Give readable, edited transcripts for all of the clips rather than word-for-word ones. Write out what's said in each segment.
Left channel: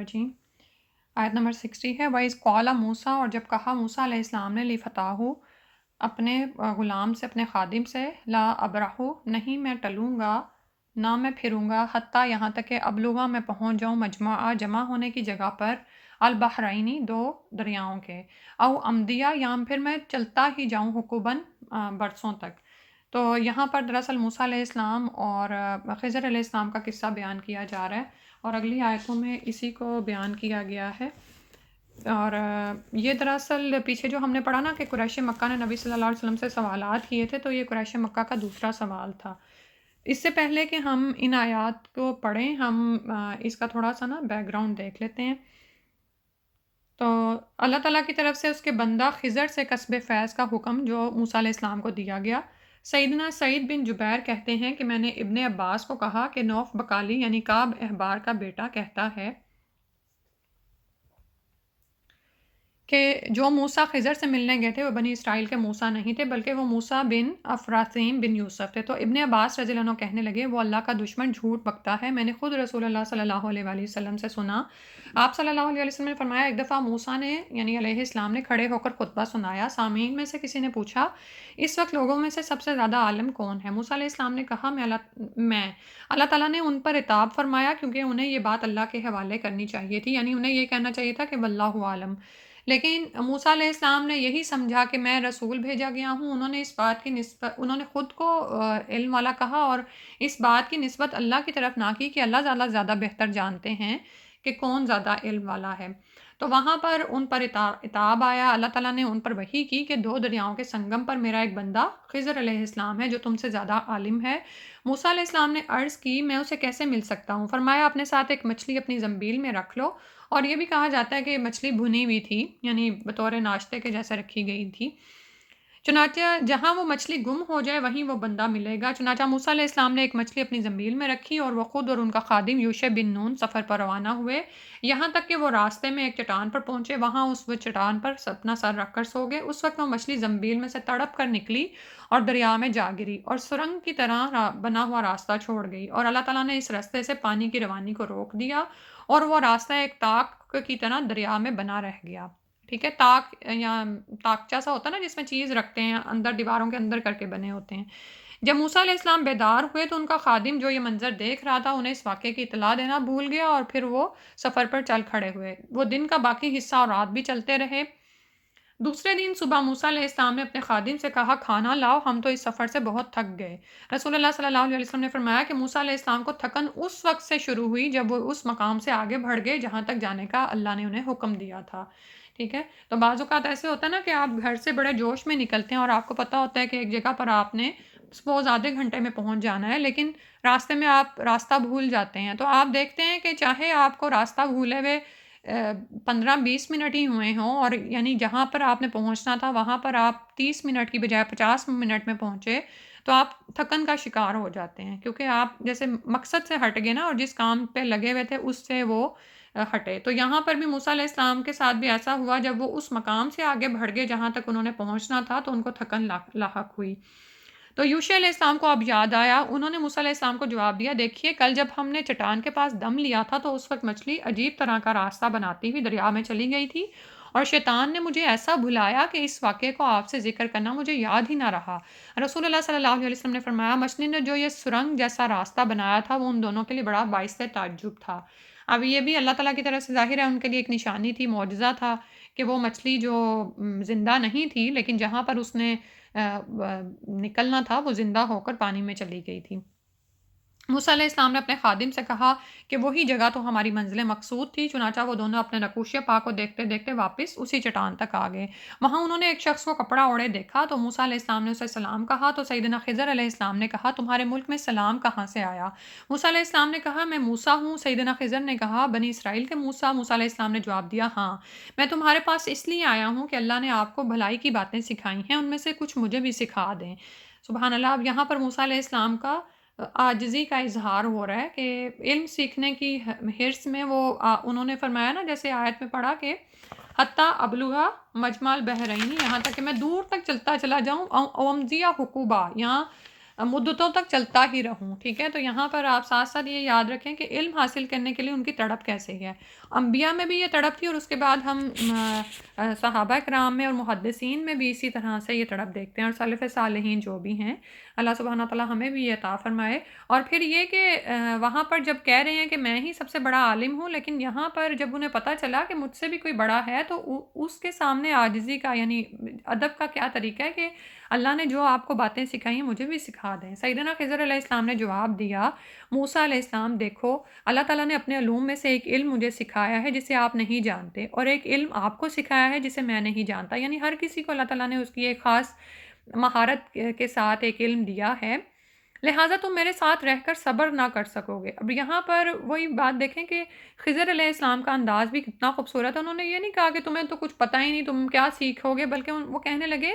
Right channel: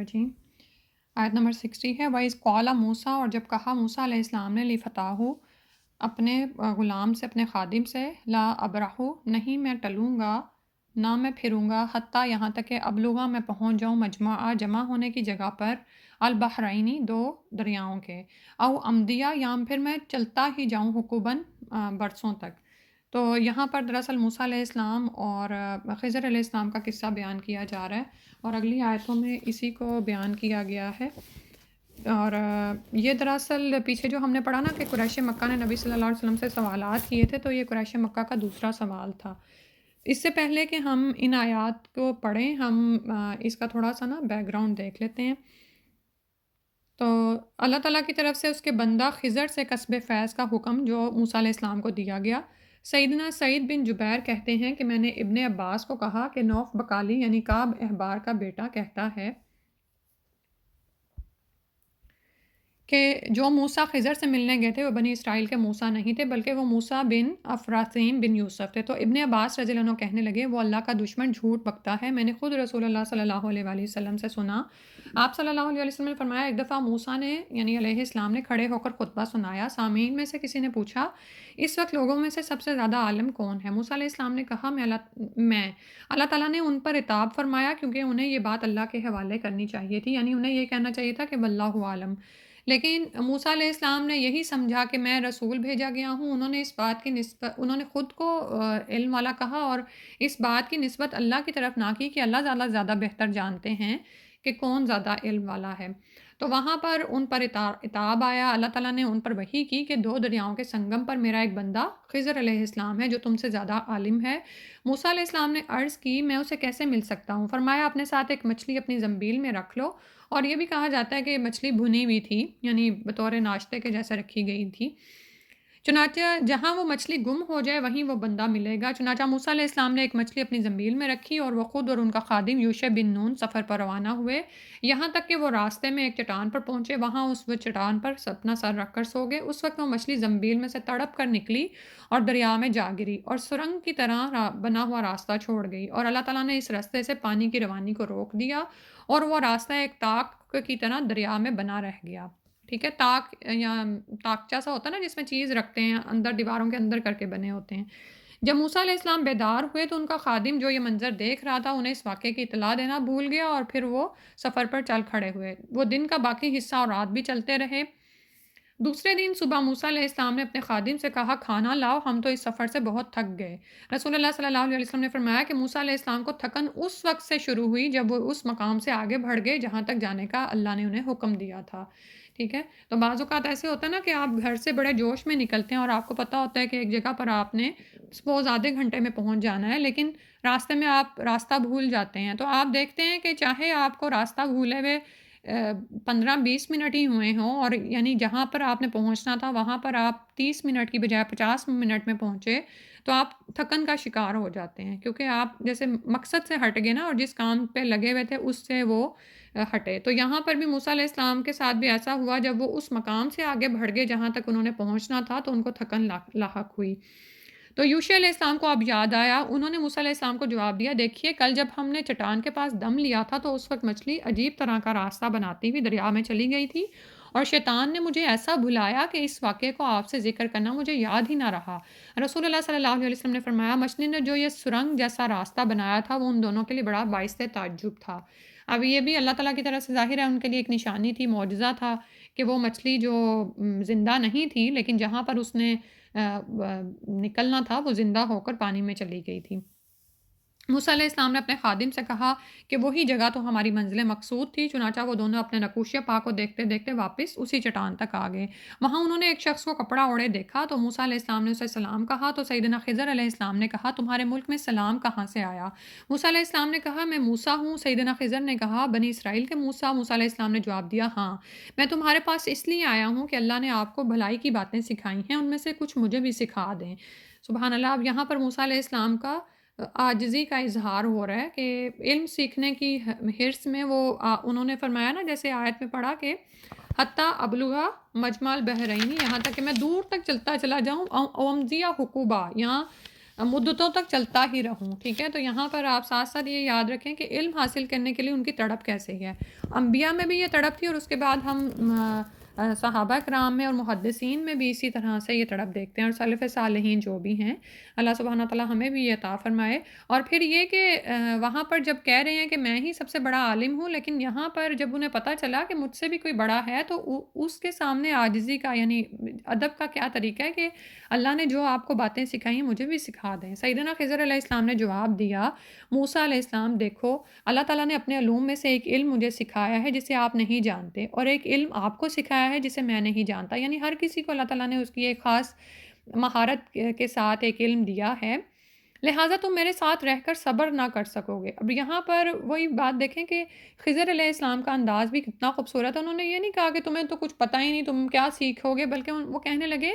الرجیم۔ آیت نمبر 60 ہے وَإِذْ قَالَ موسیٰ، اور جب کہا موسیٰ علیہ السلام نے لِفَتَاہُ اپنے غلام سے، اپنے خادم سے، لا ابرح نہیں میں ٹلوں گا، نہ میں پھروں گا، حتیٰ یہاں تک کہ ابلغا میں پہنچ جاؤں، مجمع جمع ہونے کی جگہ پر، البحرینی دو دریاؤں کے، او امدیہ یا پھر میں چلتا ہی جاؤں، حقوباً برسوں تک۔ تو یہاں پر دراصل موسیٰ علیہ السلام اور خضر علیہ السلام کا قصہ بیان کیا جا رہا ہے، اور اگلی آیتوں میں اسی کو بیان کیا گیا ہے۔ اور یہ دراصل پیچھے جو ہم نے پڑھا نا کہ قریش مکہ نے نبی صلی اللہ علیہ وسلم سے سوالات کیے تھے، تو یہ قریش مکہ کا دوسرا سوال تھا۔ اس سے پہلے کہ ہم ان آیات کو پڑھیں، ہم اس کا تھوڑا سا نا بیک گراؤنڈ دیکھ لیتے ہیں۔ تو اللہ تعالیٰ کی طرف سے اس کے بندہ خضر سے کسب فیض کا حکم جو موسیٰ علیہ السلام کو دیا گیا۔ سیدنا سعید بن جبیر کہتے ہیں کہ میں نے ابن عباس کو کہا کہ نوف بقالی یعنی کعب احبار کا بیٹا کہتا ہے کہ جو موسیٰ خضر سے ملنے گئے تھے وہ بنی اسرائیل کے موسیٰ نہیں تھے، بلکہ وہ موسیٰ بن افراثیم بن یوسف تھے۔ تو ابن عباس رضی اللہ عنہ کہنے لگے وہ اللہ کا دشمن جھوٹ بکتا ہے، میں نے خود رسول اللہ صلی اللہ علیہ وآلہ وسلم سے سنا۔ آپ صلی اللہ علیہ وسلم نے فرمایا ایک دفعہ موسیٰ نے یعنی علیہ السلام نے کھڑے ہو کر خطبہ سنایا، سامعین میں سے کسی نے پوچھا اس وقت لوگوں میں سے سب سے زیادہ عالم کون ہے؟ موسیٰ علیہ السلام نے کہا میں اللہ تعالیٰ نے ان پر عتاب فرمایا کیونکہ انہیں یہ بات اللہ کے حوالے کرنی چاہیے تھی، یعنی انہیں یہ کہنا چاہیے تھا کہ واللہ عالم، لیکن موسیٰ علیہ السلام نے یہی سمجھا کہ میں رسول بھیجا گیا ہوں۔ انہوں نے اس بات کی نسبت، انہوں نے خود کو علم والا کہا اور اس بات کی نسبت اللہ کی طرف نہ کی کہ اللہ زیادہ بہتر جانتے ہیں کہ کون زیادہ علم والا ہے۔ تو وہاں پر ان پر عتاب آیا، اللہ تعالیٰ نے ان پر وحی کی کہ دو دریاؤں کے سنگم پر میرا ایک بندہ خضر علیہ السلام ہے جو تم سے زیادہ عالم ہے۔ موسیٰ علیہ السلام نے عرض کی میں اسے کیسے مل سکتا ہوں؟ فرمایا اپنے ساتھ ایک مچھلی اپنی زنبیل میں رکھ لو، اور یہ بھی کہا جاتا ہے کہ یہ مچھلی بھنی ہوئی تھی، یعنی بطور ناشتے کے جیسے رکھی گئی تھی۔ چنانچہ جہاں وہ مچھلی گم ہو جائے وہیں وہ بندہ ملے گا۔ چنانچہ موسیٰ علیہ السلام نے ایک مچھلی اپنی زنبیل میں رکھی اور وہ خود اور ان کا خادم یوشع بن نون سفر پر روانہ ہوئے، یہاں تک کہ وہ راستے میں ایک چٹان پر پہنچے، وہاں اس وہ چٹان پر اپنا سر رکھ کر سو گئے۔ اس وقت وہ مچھلی زنبیل میں سے تڑپ کر نکلی اور دریا میں جا گری اور سرنگ کی طرح بنا ہوا راستہ چھوڑ گئی، اور اللہ تعالیٰ نے اس راستے سے پانی کی روانی کو روک دیا اور وہ راستہ ایک تاک کی طرح دریا میں بنا رہ گیا۔ ٹھیک ہے، تاک یا تاکچہ سا ہوتا ہے نا جس میں چیز رکھتے ہیں، اندر دیواروں کے اندر کر کے بنے ہوتے ہیں۔ جب موسیٰ علیہ السلام بیدار ہوئے تو ان کا خادم جو یہ منظر دیکھ رہا تھا انہیں اس واقعے کی اطلاع دینا بھول گیا، اور پھر وہ سفر پر چل کھڑے ہوئے۔ وہ دن کا باقی حصہ اور رات بھی چلتے رہے۔ دوسرے دن صبح موسیٰ علیہ السلام نے اپنے خادم سے کہا کھانا لاؤ، ہم تو اس سفر سے بہت تھک گئے۔ رسول اللہ صلی اللہ علیہ وسلم نے فرمایا کہ موسیٰ علیہ السلام کو تھکن اس وقت سے شروع ہوئی جب وہ اس مقام سے آگے بڑھ گئے جہاں تک جانے کا اللہ نے انہیں حکم دیا تھا۔ ٹھیک ہے، تو بعض اوقات ایسے ہوتا ہے نا کہ آپ گھر سے بڑے جوش میں نکلتے ہیں اور آپ کو پتہ ہوتا ہے کہ ایک جگہ پر آپ نے سپوز آدھے گھنٹے میں پہنچ جانا ہے، لیکن راستے میں آپ راستہ بھول جاتے ہیں۔ تو آپ دیکھتے ہیں کہ چاہے آپ کو راستہ بھولے ہوئے 15-20 منٹ ہی ہوئے ہوں، اور یعنی جہاں پر آپ نے پہنچنا تھا وہاں پر آپ 30 منٹ کی بجائے 50 منٹ میں پہنچے، تو آپ تھکن کا شکار ہو جاتے ہیں کیونکہ آپ جیسے مقصد سے ہٹ گئے نا، اور جس کام پہ لگے ہوئے تھے اس سے وہ ہٹے۔ تو یہاں پر بھی موسیٰ علیہ السلام کے ساتھ بھی ایسا ہوا، جب وہ اس مقام سے آگے بڑھ گئے جہاں تک انہوں نے پہنچنا تھا تو ان کو تھکن لاحق ہوئی۔ تو یوشع علیہ السلام کو اب یاد آیا، انہوں نے موسیٰ علیہ السلام کو جواب دیا دیکھیے کل جب ہم نے چٹان کے پاس دم لیا تھا تو اس وقت مچھلی عجیب طرح کا راستہ بناتی ہوئی دریا میں چلی گئی تھی، اور شیطان نے مجھے ایسا بھلایا کہ اس واقعے کو آپ سے ذکر کرنا مجھے یاد ہی نہ رہا۔ رسول اللہ صلی اللہ علیہ وسلم نے فرمایا مچھلی نے جو یہ سرنگ جیسا راستہ بنایا تھا وہ ان دونوں کے لیے بڑا باعث تعجب تھا۔ اب یہ بھی اللہ تعالیٰ کی طرف سے ظاہر ہے ان کے لیے ایک نشانی تھی، معجزہ تھا کہ وہ مچھلی جو زندہ نہیں تھی لیکن جہاں پر اس نے نکلنا تھا وہ زندہ ہو کر پانی میں چلی گئی تھی۔ موسیٰ علیہ السلام نے اپنے خادم سے کہا کہ وہی جگہ تو ہماری منزل مقصود تھی، چنانچہ وہ دونوں اپنے نقوش پا کو دیکھتے دیکھتے واپس اسی چٹان تک آ گئے۔ وہاں انہوں نے ایک شخص کو کپڑا اوڑے دیکھا تو موسیٰ علیہ السلام نے اسے سلام کہا، تو سیدنا خضر علیہ السلام نے کہا تمہارے ملک میں سلام کہاں سے آیا؟ موسیٰ علیہ السلام نے کہا میں موسیٰ ہوں۔ سیدنا خضر نے کہا بنی اسرائیل کے موسیٰ؟ موسیٰ علیہ السلام نے جواب دیا ہاں، میں تمہارے پاس اس لیے آیا ہوں کہ اللہ نے آپ کو بھلائی کی باتیں سکھائی ہیں، ان میں سے کچھ مجھے بھی سکھا دیں۔ سبحان اللہ۔ اب یہاں پر موسیٰ علیہ السلام کا عاجزی کا اظہار ہو رہا ہے کہ علم سیکھنے کی حرص میں وہ انہوں نے فرمایا نا جیسے آیت میں پڑھا کہ حتیٰ ابلغا مجمع البحرین، یہاں تک کہ میں دور تک چلتا چلا جاؤں، اومزیہ حقوبہ، یہاں مدتوں تک چلتا ہی رہوں، ٹھیک ہے؟ تو یہاں پر آپ ساتھ ساتھ یہ یاد رکھیں کہ علم حاصل کرنے کے لیے ان کی تڑپ کیسے ہے۔ انبیاء میں بھی یہ تڑپ تھی، اور اس کے بعد ہم صحابہ کرام میں اور محدثین میں بھی اسی طرح سے یہ تڑپ دیکھتے ہیں، اور سلف صالحین جو بھی ہیں، اللہ سبحانہ تعالیٰ ہمیں بھی یہ عطا فرمائے۔ اور پھر یہ کہ وہاں پر جب کہہ رہے ہیں کہ میں ہی سب سے بڑا عالم ہوں، لیکن یہاں پر جب انہیں پتہ چلا کہ مجھ سے بھی کوئی بڑا ہے، تو اس کے سامنے عاجزی کا، یعنی ادب کا کیا طریقہ ہے کہ اللہ نے جو آپ کو باتیں سکھائی ہیں مجھے بھی سکھا دیں۔ سیدنا خضر علیہ السلام نے جواب دیا، موسیٰ علیہ السلام دیکھو، اللہ تعالیٰ نے اپنے علوم میں سے ایک علم مجھے سکھایا ہے جسے آپ نہیں جانتے، اور ایک علم آپ کو سکھایا ہے جسے میں نہیں جانتا، یعنی ہر کسی کو اللہ تعالیٰ نے اس کی ایک خاص مہارت کے ساتھ ایک علم دیا ہے، لہٰذا تم میرے ساتھ رہ کر صبر نہ کر سکو گے۔ اب یہاں پر وہی بات دیکھیں کہ خضر علیہ السلام کا انداز بھی کتنا خوبصورت ہے۔ انہوں نے یہ نہیں کہا کہ تمہیں تو کچھ پتہ ہی نہیں، تم کیا سیکھو گے، بلکہ وہ کہنے لگے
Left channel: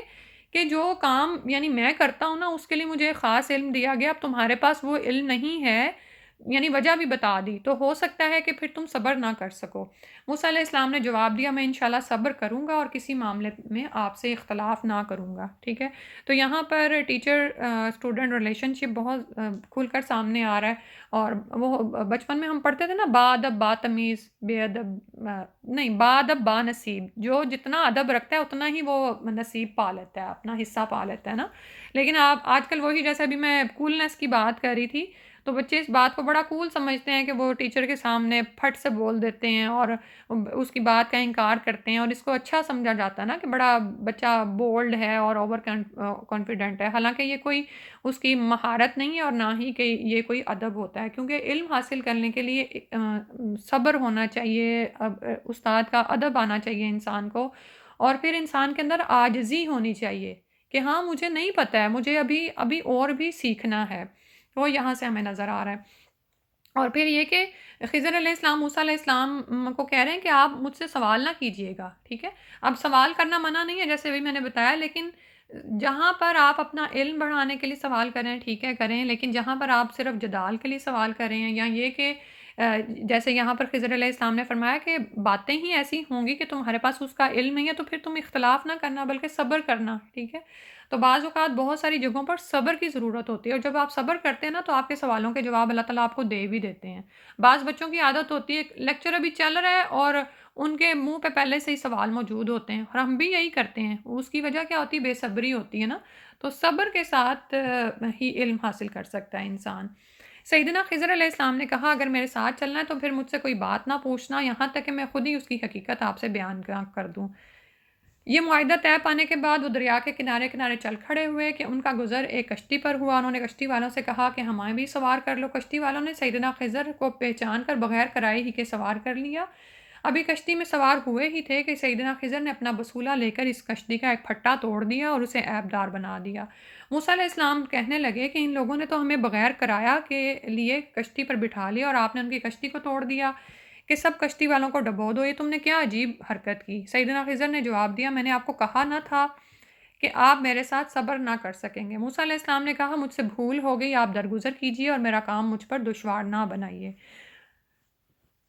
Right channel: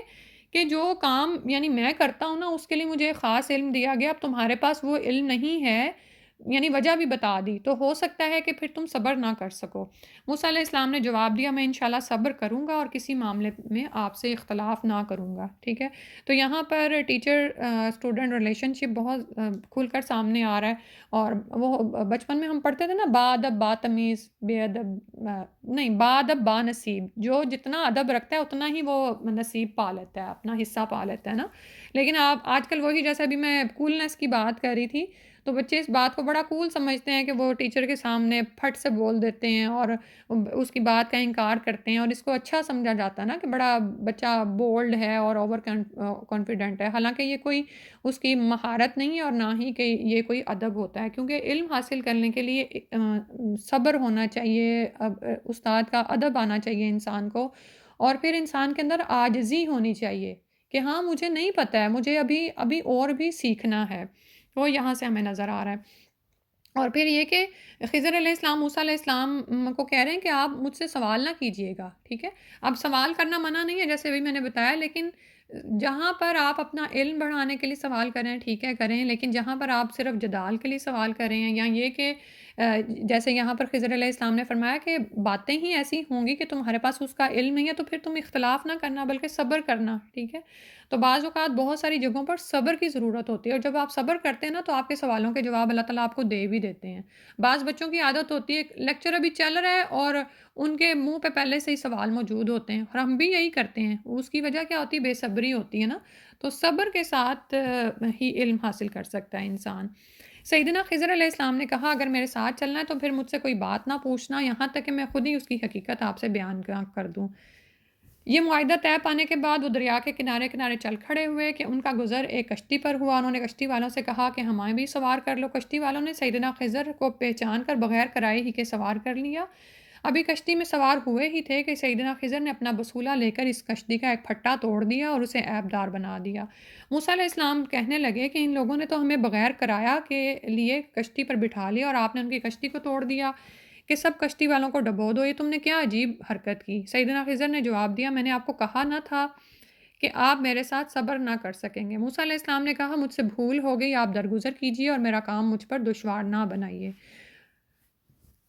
کہ جو کام یعنی میں کرتا ہوں نا، اس کے لیے مجھے خاص علم دیا گیا، اب تمہارے پاس وہ علم نہیں ہے، یعنی وجہ بھی بتا دی، تو ہو سکتا ہے کہ پھر تم صبر نہ کر سکو۔ موسیٰ علیہ السلام نے جواب دیا، میں انشاءاللہ صبر کروں گا اور کسی معاملے میں آپ سے اختلاف نہ کروں گا، ٹھیک ہے؟ تو یہاں پر ٹیچر اسٹوڈنٹ ریلیشن شپ بہت کھل کر سامنے آ رہا ہے، اور وہ بچپن میں ہم پڑھتے تھے نا، با ادب با تمیز، بے ادب نہیں، با ادب با نصیب، جو جتنا ادب رکھتا ہے اتنا ہی وہ نصیب پا لیتا ہے، اپنا حصہ پا لیتا ہے نا۔ لیکن آپ آج کل وہی، جیسے ابھی میں کولنس کی بات کر رہی تھی، تو بچے اس بات کو بڑا کول سمجھتے ہیں کہ وہ ٹیچر کے سامنے پھٹ سے بول دیتے ہیں اور اس کی بات کا انکار کرتے ہیں، اور اس کو اچھا سمجھا جاتا ہے نا کہ بڑا بچہ بولڈ ہے اور اوور کانفیڈنٹ ہے، حالانکہ یہ کوئی اس کی مہارت نہیں ہے، اور نہ ہی کہ یہ کوئی ادب ہوتا ہے، کیونکہ علم حاصل کرنے کے لیے صبر ہونا چاہیے، استاد کا ادب آنا چاہیے انسان کو، اور پھر انسان کے اندر عاجزی ہونی چاہیے کہ ہاں مجھے نہیں پتہ ہے، مجھے ابھی ابھی اور بھی سیکھنا ہے، وہ یہاں سے ہمیں نظر آ رہا ہے۔ اور پھر یہ کہ خضر علیہ السلام موسیٰ علیہ السلام کو کہہ رہے ہیں کہ آپ مجھ سے سوال نہ کیجئے گا، ٹھیک ہے؟ اب سوال کرنا منع نہیں ہے، جیسے ابھی میں نے بتایا، لیکن جہاں پر آپ اپنا علم بڑھانے کے لیے سوال کریں، ٹھیک ہے کریں، لیکن جہاں پر آپ صرف جدال کے لیے سوال کر رہے ہیں، یا یہ کہ جیسے یہاں پر خضر علیہ السلام نے فرمایا کہ باتیں ہی ایسی ہوں گی کہ تمہارے پاس اس کا علم نہیں ہے، تو پھر تم اختلاف نہ کرنا بلکہ صبر کرنا، ٹھیک ہے؟ تو بعض اوقات بہت ساری جگہوں پر صبر کی ضرورت ہوتی ہے، اور جب آپ صبر کرتے ہیں نا، تو آپ کے سوالوں کے جواب اللہ تعالیٰ آپ کو دے بھی دیتے ہیں۔ بعض بچوں کی عادت ہوتی ہے، لیکچر ابھی چل رہا ہے اور ان کے منہ پہ پہلے سے ہی سوال موجود ہوتے ہیں، اور ہم بھی یہی کرتے ہیں، اس کی وجہ کیا ہوتی ہے؟ بے صبری ہوتی ہے نا۔ تو صبر کے ساتھ ہی علم حاصل کر سکتا ہے انسان۔ سیدنا خضر علیہ السلام نے کہا، اگر میرے ساتھ چلنا ہے تو پھر مجھ سے کوئی بات نہ پوچھنا، یہاں تک کہ میں خود ہی اس کی حقیقت آپ سے بیان کر دوں۔ یہ معاہدہ طے پانے کے بعد وہ دریا کے کنارے کنارے چل کھڑے ہوئے کہ ان کا گزر ایک کشتی پر ہوا۔ انہوں نے کشتی والوں سے کہا کہ ہمیں بھی سوار کر لو۔ کشتی والوں نے سیدنا خضر کو پہچان کر بغیر کرائے ہی کے سوار کر لیا۔ ابھی کشتی میں سوار ہوئے ہی تھے کہ سیدنا خضر نے اپنا بسولہ لے کر اس کشتی کا ایک پھٹا توڑ دیا اور اسے عیب دار بنا دیا۔ موسیٰ علیہ السلام کہنے لگے کہ ان لوگوں نے تو ہمیں بغیر کرایہ کے لیے کشتی پر بٹھا لیا، اور آپ نے ان کی کشتی کو توڑ دیا کہ سب کشتی والوں کو ڈبو دو، یہ تم نے کیا عجیب حرکت کی؟ سیدنا خضر نے جواب دیا، میں نے آپ کو کہا نہ تھا کہ آپ میرے ساتھ صبر نہ کر سکیں گے؟ موسیٰ علیہ السلام نے کہا، مجھ سے بھول ہو گئی، آپ درگزر کیجئے اور میرا کام مجھ پر دشوار نہ بنائیے۔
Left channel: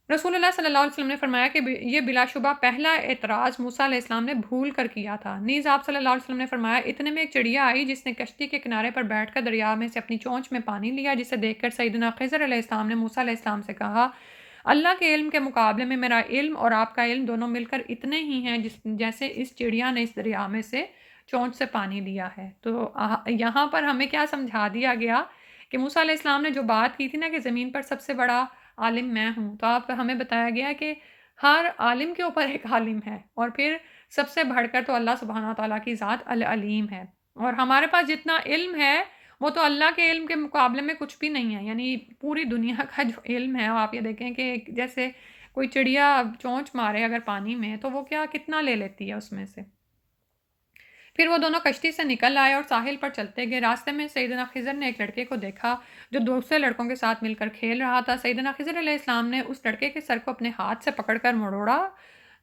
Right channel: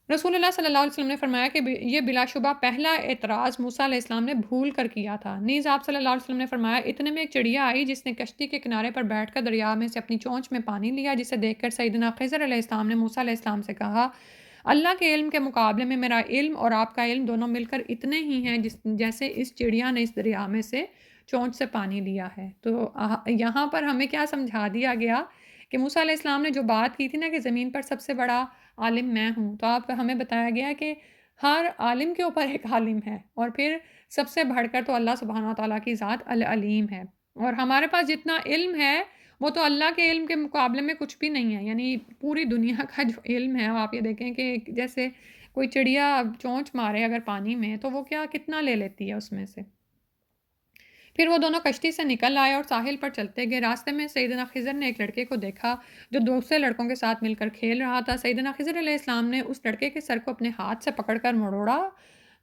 رسول اللہ صلی اللہ علیہ وسلم نے فرمایا کہ یہ بلا شبہ پہلا اعتراض موسیٰ علیہ السلام نے بھول کر کیا تھا۔ نیز آپ صلی اللہ علیہ وسلم نے فرمایا، اتنے میں ایک چڑیا آئی جس نے کشتی کے کنارے پر بیٹھ کر دریا میں سے اپنی چونچ میں پانی لیا، جسے دیکھ کر سیدنا خضر علیہ السلام نے موسیٰ علیہ السلام سے کہا، اللہ کے علم کے مقابلے میں میرا علم اور آپ کا علم دونوں مل کر اتنے ہی ہیں جیسے اس چڑیا نے اس دریا میں سے چونچ سے پانی لیا ہے۔ تو یہاں پر ہمیں کیا سمجھا دیا گیا کہ موسیٰ علیہ السلام نے جو بات کی تھی نا کہ زمین پر سب سے بڑا عالم میں ہوں، تو آپ ہمیں بتایا گیا کہ ہر عالم کے اوپر ایک عالم ہے، اور پھر سب سے بڑھ کر تو اللہ سبحانہ وتعالیٰ کی ذات العلیم ہے، اور ہمارے پاس جتنا علم ہے وہ تو اللہ کے علم کے مقابلے میں کچھ بھی نہیں ہے، یعنی پوری دنیا کا جو علم ہے، آپ یہ دیکھیں کہ جیسے کوئی چڑیا چونچ مارے اگر پانی میں، تو وہ کتنا لے لیتی ہے اس میں سے۔ پھر وہ دونوں کشتی سے نکل آئے اور ساحل پر چلتے گئے۔ راستے میں سیدنا خضر نے ایک لڑکے کو دیکھا جو دوسرے لڑکوں کے ساتھ مل کر کھیل رہا تھا۔ سیدنا خضر علیہ السلام نے اس لڑکے کے سر کو اپنے ہاتھ سے پکڑ کر مروڑا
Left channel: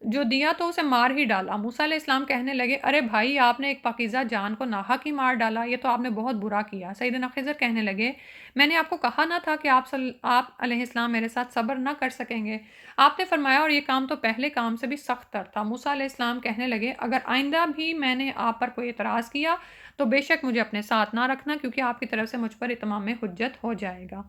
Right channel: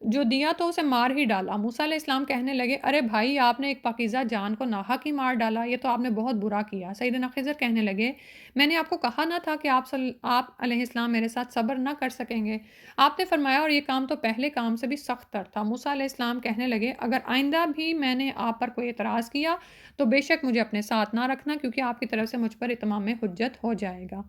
جو دیا تو اسے مار ہی ڈالا۔ موسیٰ علیہ السلام کہنے لگے، ارے بھائی، آپ نے ایک پاکیزہ جان کو ناحق ہی مار ڈالا، یہ تو آپ نے بہت برا کیا۔ سیدنا خضر کہنے لگے، میں نے آپ کو کہا نہ تھا کہ آپ علیہ السلام میرے ساتھ صبر نہ کر سکیں گے؟ آپ نے فرمایا، اور یہ کام تو پہلے کام سے بھی سخت تر تھا۔ موسیٰ علیہ السلام کہنے لگے، اگر آئندہ بھی میں نے آپ پر کوئی اعتراض کیا تو بے شک مجھے اپنے ساتھ نہ رکھنا، کیونکہ آپ کی طرف سے مجھ پر اتمام حجت ہو جائے گا۔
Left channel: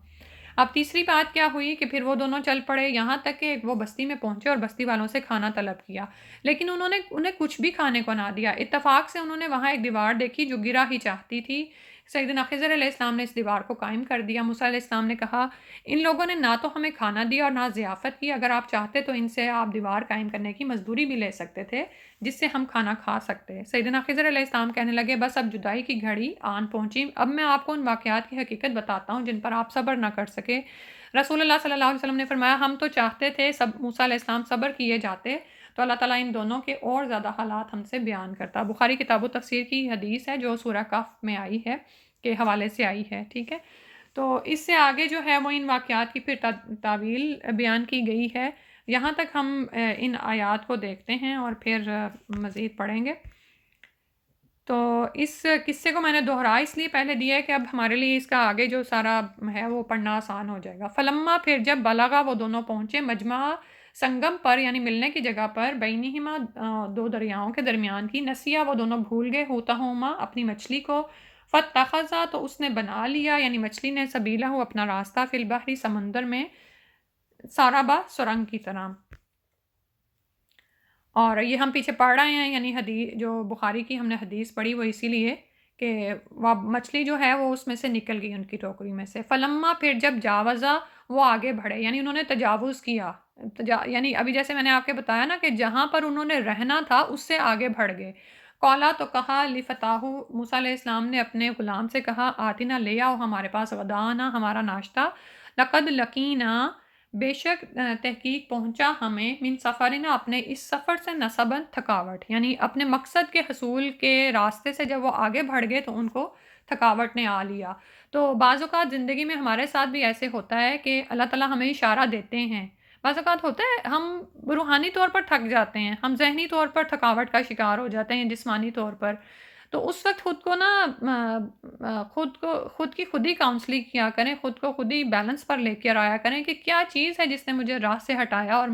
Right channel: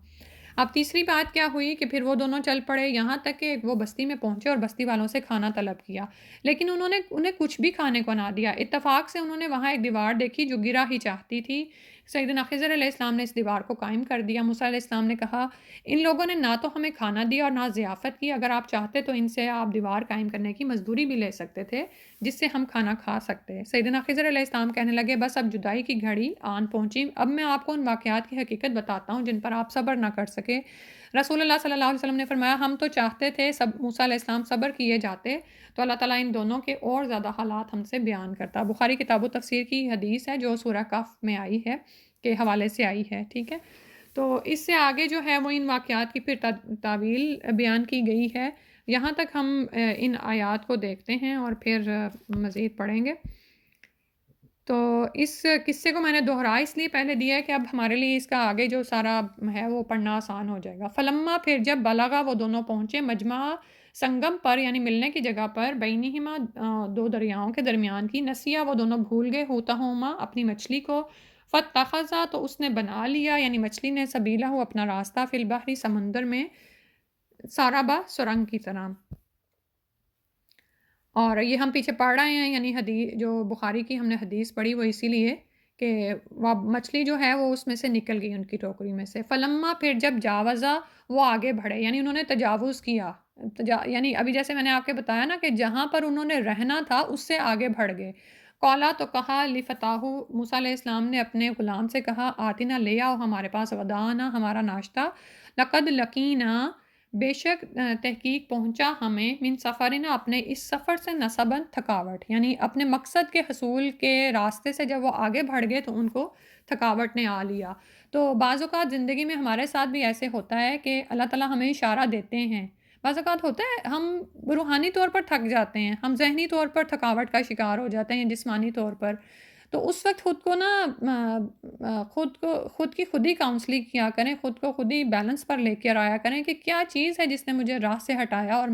اب تیسری بات کیا ہوئی کہ پھر وہ دونوں چل پڑے، یہاں تک کہ وہ بستی میں پہنچے اور بستی والوں سے کھانا طلب کیا، لیکن انہوں نے انہیں کچھ بھی کھانے کو نہ دیا۔ اتفاق سے انہوں نے وہاں ایک دیوار دیکھی جو گرا ہی چاہتی تھی۔ سیدنا خضر علیہ السلام نے اس دیوار کو قائم کر دیا۔ موسیٰ علیہ السلام نے کہا، ان لوگوں نے نہ تو ہمیں کھانا دیا اور نہ ضیافت کی، اگر آپ چاہتے تو ان سے آپ دیوار قائم کرنے کی مزدوری بھی لے سکتے تھے جس سے ہم کھانا کھا سکتے۔ سیدنا خضر علیہ السلام کہنے لگے، بس اب جدائی کی گھڑی آن پہنچی، اب میں آپ کو ان واقعات کی حقیقت بتاتا ہوں جن پر آپ صبر نہ کر سکے۔ رسول اللہ صلی اللہ علیہ وسلم نے فرمایا، ہم تو چاہتے تھے موسیٰ علیہ السلام صبر کیے جاتے تو اللہ تعالیٰ ان دونوں کے اور زیادہ حالات ہم سے بیان کرتا۔ بخاری کتاب و تفسیر کی حدیث ہے جو سورہ کہف میں آئی ہے کے حوالے سے آئی ہے، ٹھیک ہے۔ تو اس سے آگے جو ہے وہ ان واقعات کی پھر تعویل بیان کی گئی ہے۔ یہاں تک ہم ان آیات کو دیکھتے ہیں اور پھر مزید پڑھیں گے۔ تو اس قصے کو میں نے دہرا اس لیے پہلے دیا ہے کہ اب ہمارے لیے اس کا آگے جو سارا ہے وہ پڑھنا آسان ہو جائے گا۔ فلما، پھر جب بلغا، وہ دونوں پہنچے مجمع سنگم پر، یعنی ملنے کی جگہ پر، بینہما، دو دریاؤں کے درمیان کی، نسیا، وہ دونوں بھول گئے، ہوتاہما، اپنی مچھلی کو، فاتخذا، تو اس نے بنا لیا، یعنی مچھلی نے، سبیلہ، اپنا راستہ، فی البحر، سمندر میں، سارابا، سرنگ کی طرح۔ اور یہ ہم پیچھے پڑھ رہے ہیں، یعنی حدیث جو بخاری کی ہم نے حدیث پڑھی وہ اسی لیے کہ وہ مچھلی جو ہے وہ اس میں سے نکل گئی ان کی ٹوکری میں سے۔ فلما، پھر جب جاوزا، وہ آگے بڑھے، یعنی انہوں نے تجاوز کیا، یعنی ابھی جیسے میں نے آپ کے بتایا نا کہ جہاں پر انہوں نے رہنا تھا اس سے آگے بڑھ گئے۔ قولا، تو کہا، لفتاحو، موسیٰ علیہ السلام نے اپنے غلام سے کہا، آتنا، لے آؤ ہمارے پاس، غدانا، ہمارا ناشتہ، لقد لقینا، بے شک تحقیق پہنچا ہمیں، من سفرنا، اپنے اس سفر سے، نصباً، تھکاوٹ، یعنی اپنے مقصد کے حصول کے راستے سے جب وہ آگے بڑھ گئے تو ان کو تھکاوٹ نے آ لیا۔ تو بعض اوقات زندگی میں ہمارے ساتھ بھی ایسے ہوتا ہے کہ اللہ تعالیٰ ہمیں اشارہ دیتے ہیں، بعض اوقات ہوتا ہے ہم روحانی طور پر تھک جاتے ہیں، ہم ذہنی طور پر تھکاوٹ کا شکار ہو جاتے ہیں، جسمانی طور پر، تو اس وقت خود کو نا خود کی خود ہی کاؤنسلنگ کیا کریں، خود کو خود ہی بیلنس پر لے کر آیا کریں کہ کیا چیز ہے جس نے مجھے راہ سے ہٹایا اور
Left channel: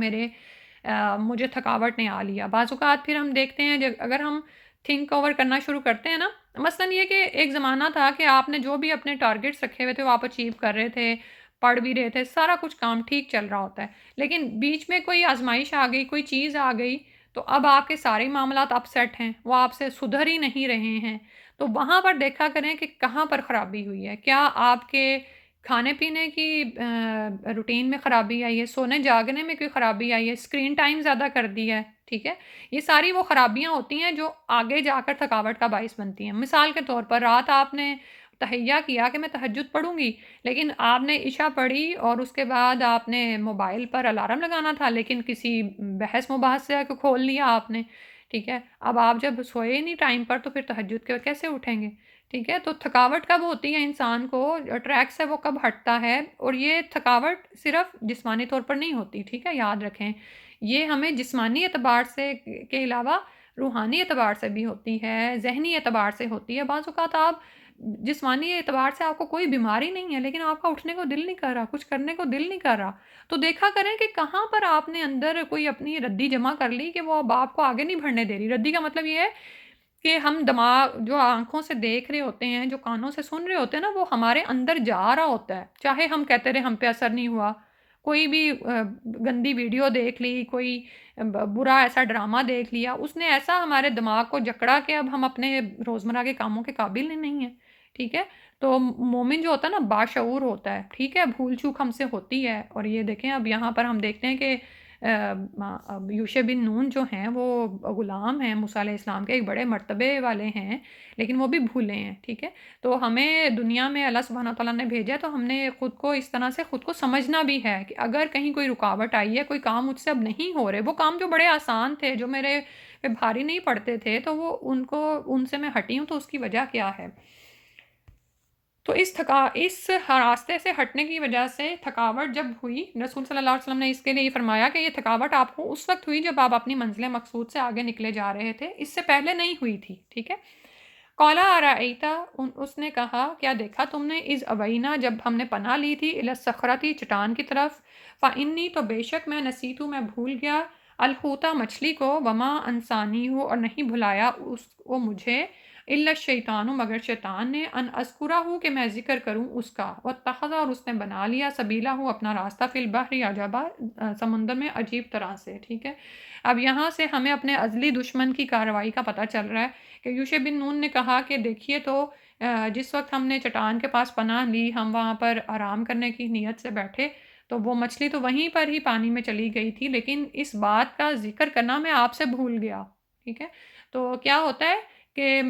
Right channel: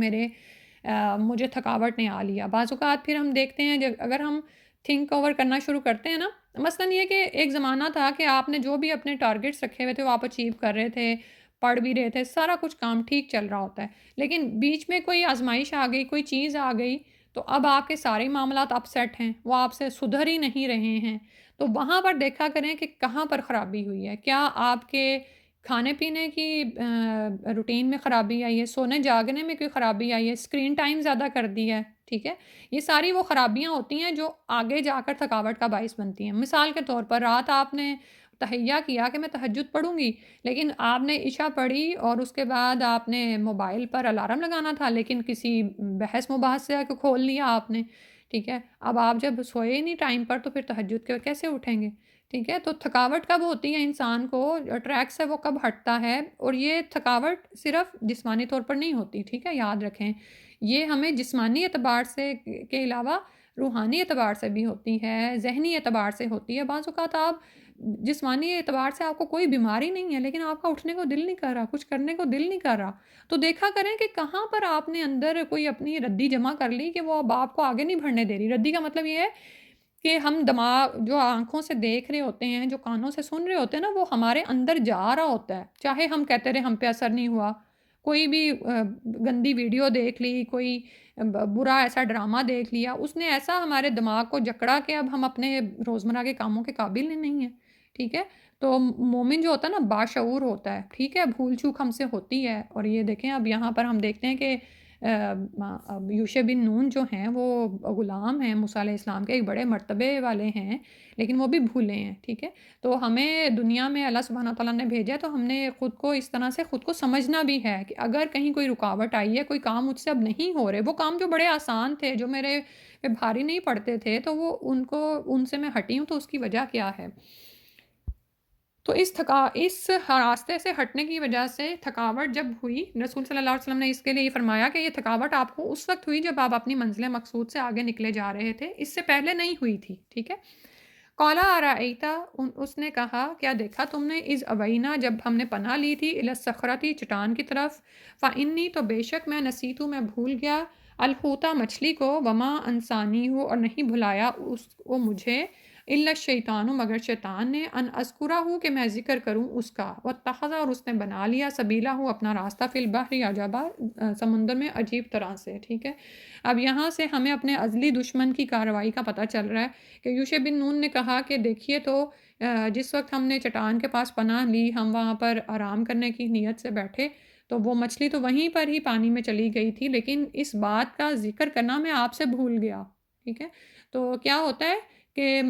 مجھے تھکاوٹ نے آ لیا۔ بعض اوقات پھر ہم دیکھتے ہیں اگر ہم تھنک اوور کرنا شروع کرتے ہیں نا، مثلاً یہ کہ ایک زمانہ تھا کہ آپ نے جو بھی اپنے ٹارگیٹس رکھے ہوئے تھے وہ آپ اچیو کر رہے تھے، پڑھ بھی رہے تھے، سارا کچھ کام ٹھیک چل رہا ہوتا ہے، لیکن بیچ میں کوئی آزمائش آ گئی، کوئی چیز آ گئی، تو اب آپ کے سارے معاملات اپ سیٹ ہیں، وہ آپ سے سدھر ہی نہیں رہے ہیں۔ تو وہاں پر دیکھا کریں کہ کہاں پر خرابی ہوئی ہے، کیا آپ کے کھانے پینے کی روٹین میں خرابی آئی ہے، سونے جاگنے میں کوئی خرابی آئی ہے، اسکرین ٹائم زیادہ کر دیا ہے، ٹھیک ہے، یہ ساری وہ خرابیاں ہوتی ہیں جو آگے جا کر تھکاوٹ کا باعث بنتی ہیں۔ مثال کے طور پر رات آپ نے تہیہ کیا کہ میں تہجد پڑھوں گی، لیکن آپ نے عشاء پڑھی اور اس کے بعد آپ نے موبائل پر الارم لگانا تھا، لیکن کسی بحث مباحثے کو کھول لیا آپ نے، ٹھیک ہے، اب آپ جب سوئے نہیں ٹائم پر تو پھر تہجد کے کیسے اٹھیں گے، ٹھیک ہے۔ تو تھکاوٹ کب ہوتی ہے انسان کو، ٹریک سے وہ کب ہٹتا ہے، اور یہ تھکاوٹ صرف جسمانی طور پر نہیں ہوتی، ٹھیک ہے، یاد رکھیں، یہ ہمیں جسمانی اعتبار سے کے علاوہ روحانی اعتبار سے بھی ہوتی ہے، ذہنی اعتبار سے ہوتی ہے۔ بعض اوقات آپ جسمانی اعتبار سے آپ کو کوئی بیماری نہیں ہے لیکن آپ کا اٹھنے کو دل نہیں کر رہا، کچھ کرنے کو دل نہیں کر رہا، تو دیکھا کریں کہ کہاں پر آپ نے اندر کوئی اپنی ردی جمع کر لی کہ وہ اب آپ کو آگے نہیں بڑھنے دے رہی۔ ردی کا مطلب یہ ہے کہ ہم دماغ جو آنکھوں سے دیکھ رہے ہوتے ہیں، جو کانوں سے سن رہے ہوتے ہیں نا، وہ ہمارے اندر جا رہا ہوتا ہے، چاہے ہم کہتے رہے ہم پہ اثر نہیں ہوا، کوئی بھی گندی ویڈیو دیکھ لی، کوئی برا ایسا ڈرامہ دیکھ لیا، اس نے ایسا ہمارے دماغ کو جکڑا کہ اب ہم اپنے روزمرہ کے کاموں کے قابل ہی نہیں ہیں، ٹھیک ہے۔ تو مومن جو ہوتا ہے نا باشعور ہوتا ہے، ٹھیک ہے، بھول چوک ہم سے ہوتی ہے، اور یہ دیکھیں اب یہاں پر ہم دیکھتے ہیں کہ یوشع بن نون جو ہیں وہ غلام ہیں موسیٰ علیہ السلام کے، ایک بڑے مرتبے والے ہیں، لیکن وہ بھی بھولے ہیں، ٹھیک ہے۔ تو ہمیں دنیا میں اللہ سبحانہ تعالیٰ نے بھیجا ہے تو ہم نے خود کو اس طرح سے خود کو سمجھنا بھی ہے کہ اگر کہیں کوئی رکاوٹ آئی ہے، کوئی کام مجھ سے اب نہیں ہو رہے، وہ کام جو بڑے آسان تھے، جو میرے پہ بھاری نہیں پڑتے تھے، تو وہ ان سے میں ہٹی ہوں، تو اس کی وجہ کیا ہے۔ تو اس راستے سے ہٹنے کی وجہ سے تھکاوٹ جب ہوئی، رسول صلی اللہ علیہ وسلم نے اس کے لیے فرمایا کہ یہ تھکاوٹ آپ کو اس وقت ہوئی جب آپ اپنی منزل مقصود سے آگے نکلے جا رہے تھے، اس سے پہلے نہیں ہوئی تھی، ٹھیک ہے۔ قَالَ أَرَأَيْتَ، اس نے کہا کیا دیکھا تم نے، اذ اوینا، جب ہم نے پناہ لی تھی، الی الصخرۃ، چٹان کی طرف، فإنی، تو بے شک میں، نسیت، میں بھول گیا، الحوت، مچھلی کو، وما انسانیہ، اور نہیں بھلایا اس کو مجھے، الا الشیطان، مگر شیطان نے، ان اذکرہ کہ میں ذکر کروں اس کا، واتخذ اور اس نے بنا لیا، سبیلہ اپنا راستہ، فی البحر عجبا سمندر میں عجیب طرح سے، ٹھیک ہے۔ اب یہاں سے ہمیں اپنے ازلی دشمن کی کارروائی کا پتہ چل رہا ہے کہ یوشع بن نون نے کہا کہ دیکھیے تو جس وقت ہم نے چٹان کے پاس پناہ لی، ہم وہاں پر آرام کرنے کی نیت سے بیٹھے تو وہ مچھلی تو وہیں پر ہی پانی میں چلی گئی تھی، لیکن اس بات کا ذکر کرنا میں آپ سے بھول گیا، ٹھیک ہے۔ تو کیا ہوتا ہے کہ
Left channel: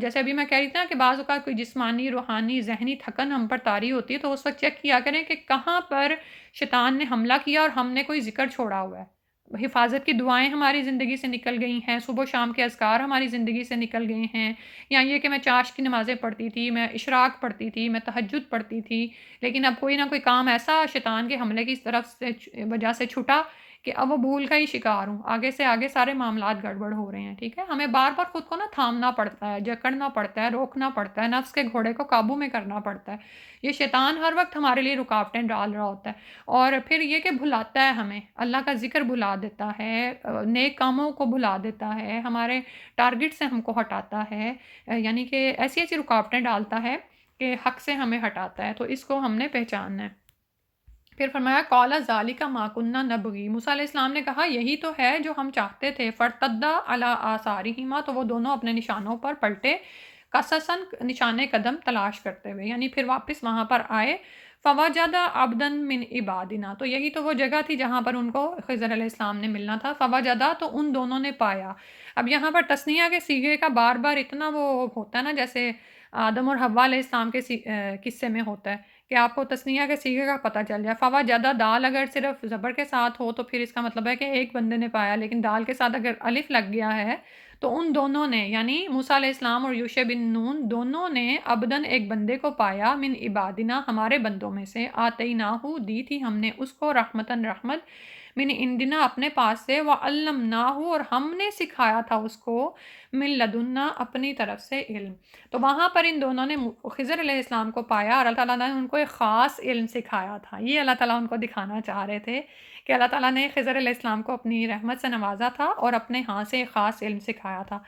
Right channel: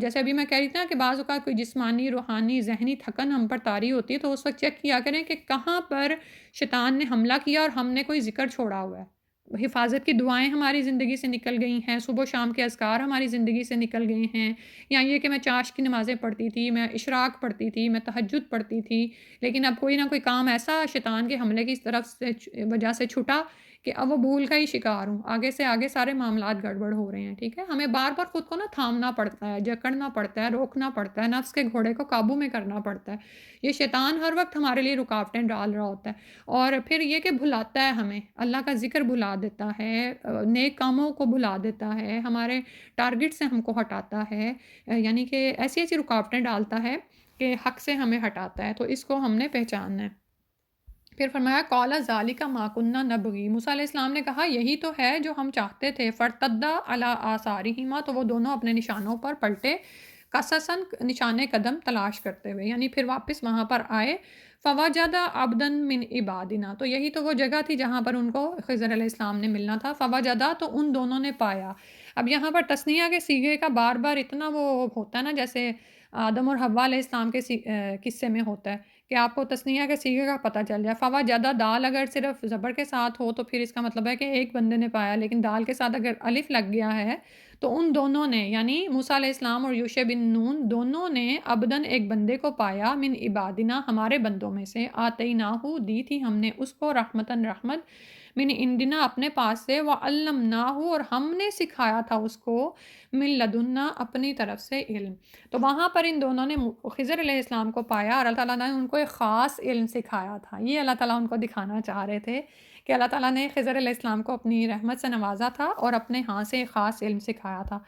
جیسے ابھی میں کہہ رہی تھی نا کہ بعض اوقات کوئی جسمانی، روحانی، ذہنی تھکن ہم پر طاری ہوتی ہے، تو اس وقت چیک کیا کریں کہ کہاں پر شیطان نے حملہ کیا اور ہم نے کوئی ذکر چھوڑا ہوا ہے۔ حفاظت کی دعائیں ہماری زندگی سے نکل گئی ہیں، صبح و شام کے اذکار ہماری زندگی سے نکل گئے ہیں، یا یہ کہ میں چاشت کی نمازیں پڑھتی تھی، میں اشراق پڑھتی تھی، میں تہجد پڑھتی تھی، لیکن اب کوئی نہ کوئی کام ایسا شیطان کے حملے کی طرف سے وجہ سے چھٹا کہ اب وہ بھول کا ہی شکار ہوں، آگے سے آگے سارے معاملات گڑبڑ ہو رہے ہیں، ٹھیک ہے۔ ہمیں بار بار خود کو نا تھامنا پڑتا ہے، جکڑنا پڑتا ہے، روکنا پڑتا ہے، نفس کے گھوڑے کو قابو میں کرنا پڑتا ہے۔ یہ شیطان ہر وقت ہمارے لیے رکاوٹیں ڈال رہا ہوتا ہے، اور پھر یہ کہ بھلاتا ہے ہمیں، اللہ کا ذکر بھلا دیتا ہے، نیک کاموں کو بھلا دیتا ہے، ہمارے ٹارگٹ سے ہم کو ہٹاتا ہے، یعنی کہ ایسی ایسی رکاوٹیں ڈالتا ہے کہ حق سے ہمیں ہٹاتا ہے، تو اس کو ہم نے پہچاننا ہے۔ پھر فرمایا قَالَ ذَلِكَ مَا كُنَّا نَبْغِي، موسیٰ علیہ السلام نے کہا یہی تو ہے جو ہم چاہتے تھے، فَارْتَدَّا عَلَىٰ آثَارِهِمَا، تو وہ دونوں اپنے نشانوں پر پلٹے، قَصَصًا نشان قدم تلاش کرتے ہوئے، یعنی پھر واپس وہاں پر آئے، فَوَجَدَ عَبْدًا مِّنْ عِبَادِنَا، تو یہی تو وہ جگہ تھی جہاں پر ان کو خضر علیہ السلام نے ملنا تھا، فَوَجَدَ تو ان دونوں نے پایا۔ اب یہاں پر تثنیہ کے صیغے کا بار بار اتنا وہ ہوتا ہے نا، جیسے آدم اور حوا علیہ السلام کے قصے میں ہوتا ہے کہ آپ کو تثنیہ کے صیغے کا پتہ چل جائے۔ فوجدہ دال اگر صرف زبر کے ساتھ ہو تو پھر اس کا مطلب ہے کہ ایک بندے نے پایا، لیکن دال کے ساتھ اگر الف لگ گیا ہے تو ان دونوں نے، یعنی موسیٰ علیہ السلام اور یوشع بن نون دونوں نے عبدن ایک بندے کو پایا، من عبادنا ہمارے بندوں میں سے، آتیناہو دی تھی ہم نے اس کو، رحمتن رحمت، من عندنا اپنے پاس سے، وعلمناہو اور ہم نے سکھایا تھا اس کو، من لدنا اپنی طرف سے علم۔ تو وہاں پر ان دونوں نے خضر علیہ السلام کو پایا اور اللہ تعالیٰ نے ان کو ایک خاص علم سکھایا تھا، یہ اللہ تعالیٰ ان کو دکھانا چاہ رہے تھے کہ اللہ تعالیٰ نے خضر علیہ السلام کو اپنی رحمت سے نوازا تھا اور اپنے ہاں سے ایک خاص علم سکھایا تھا۔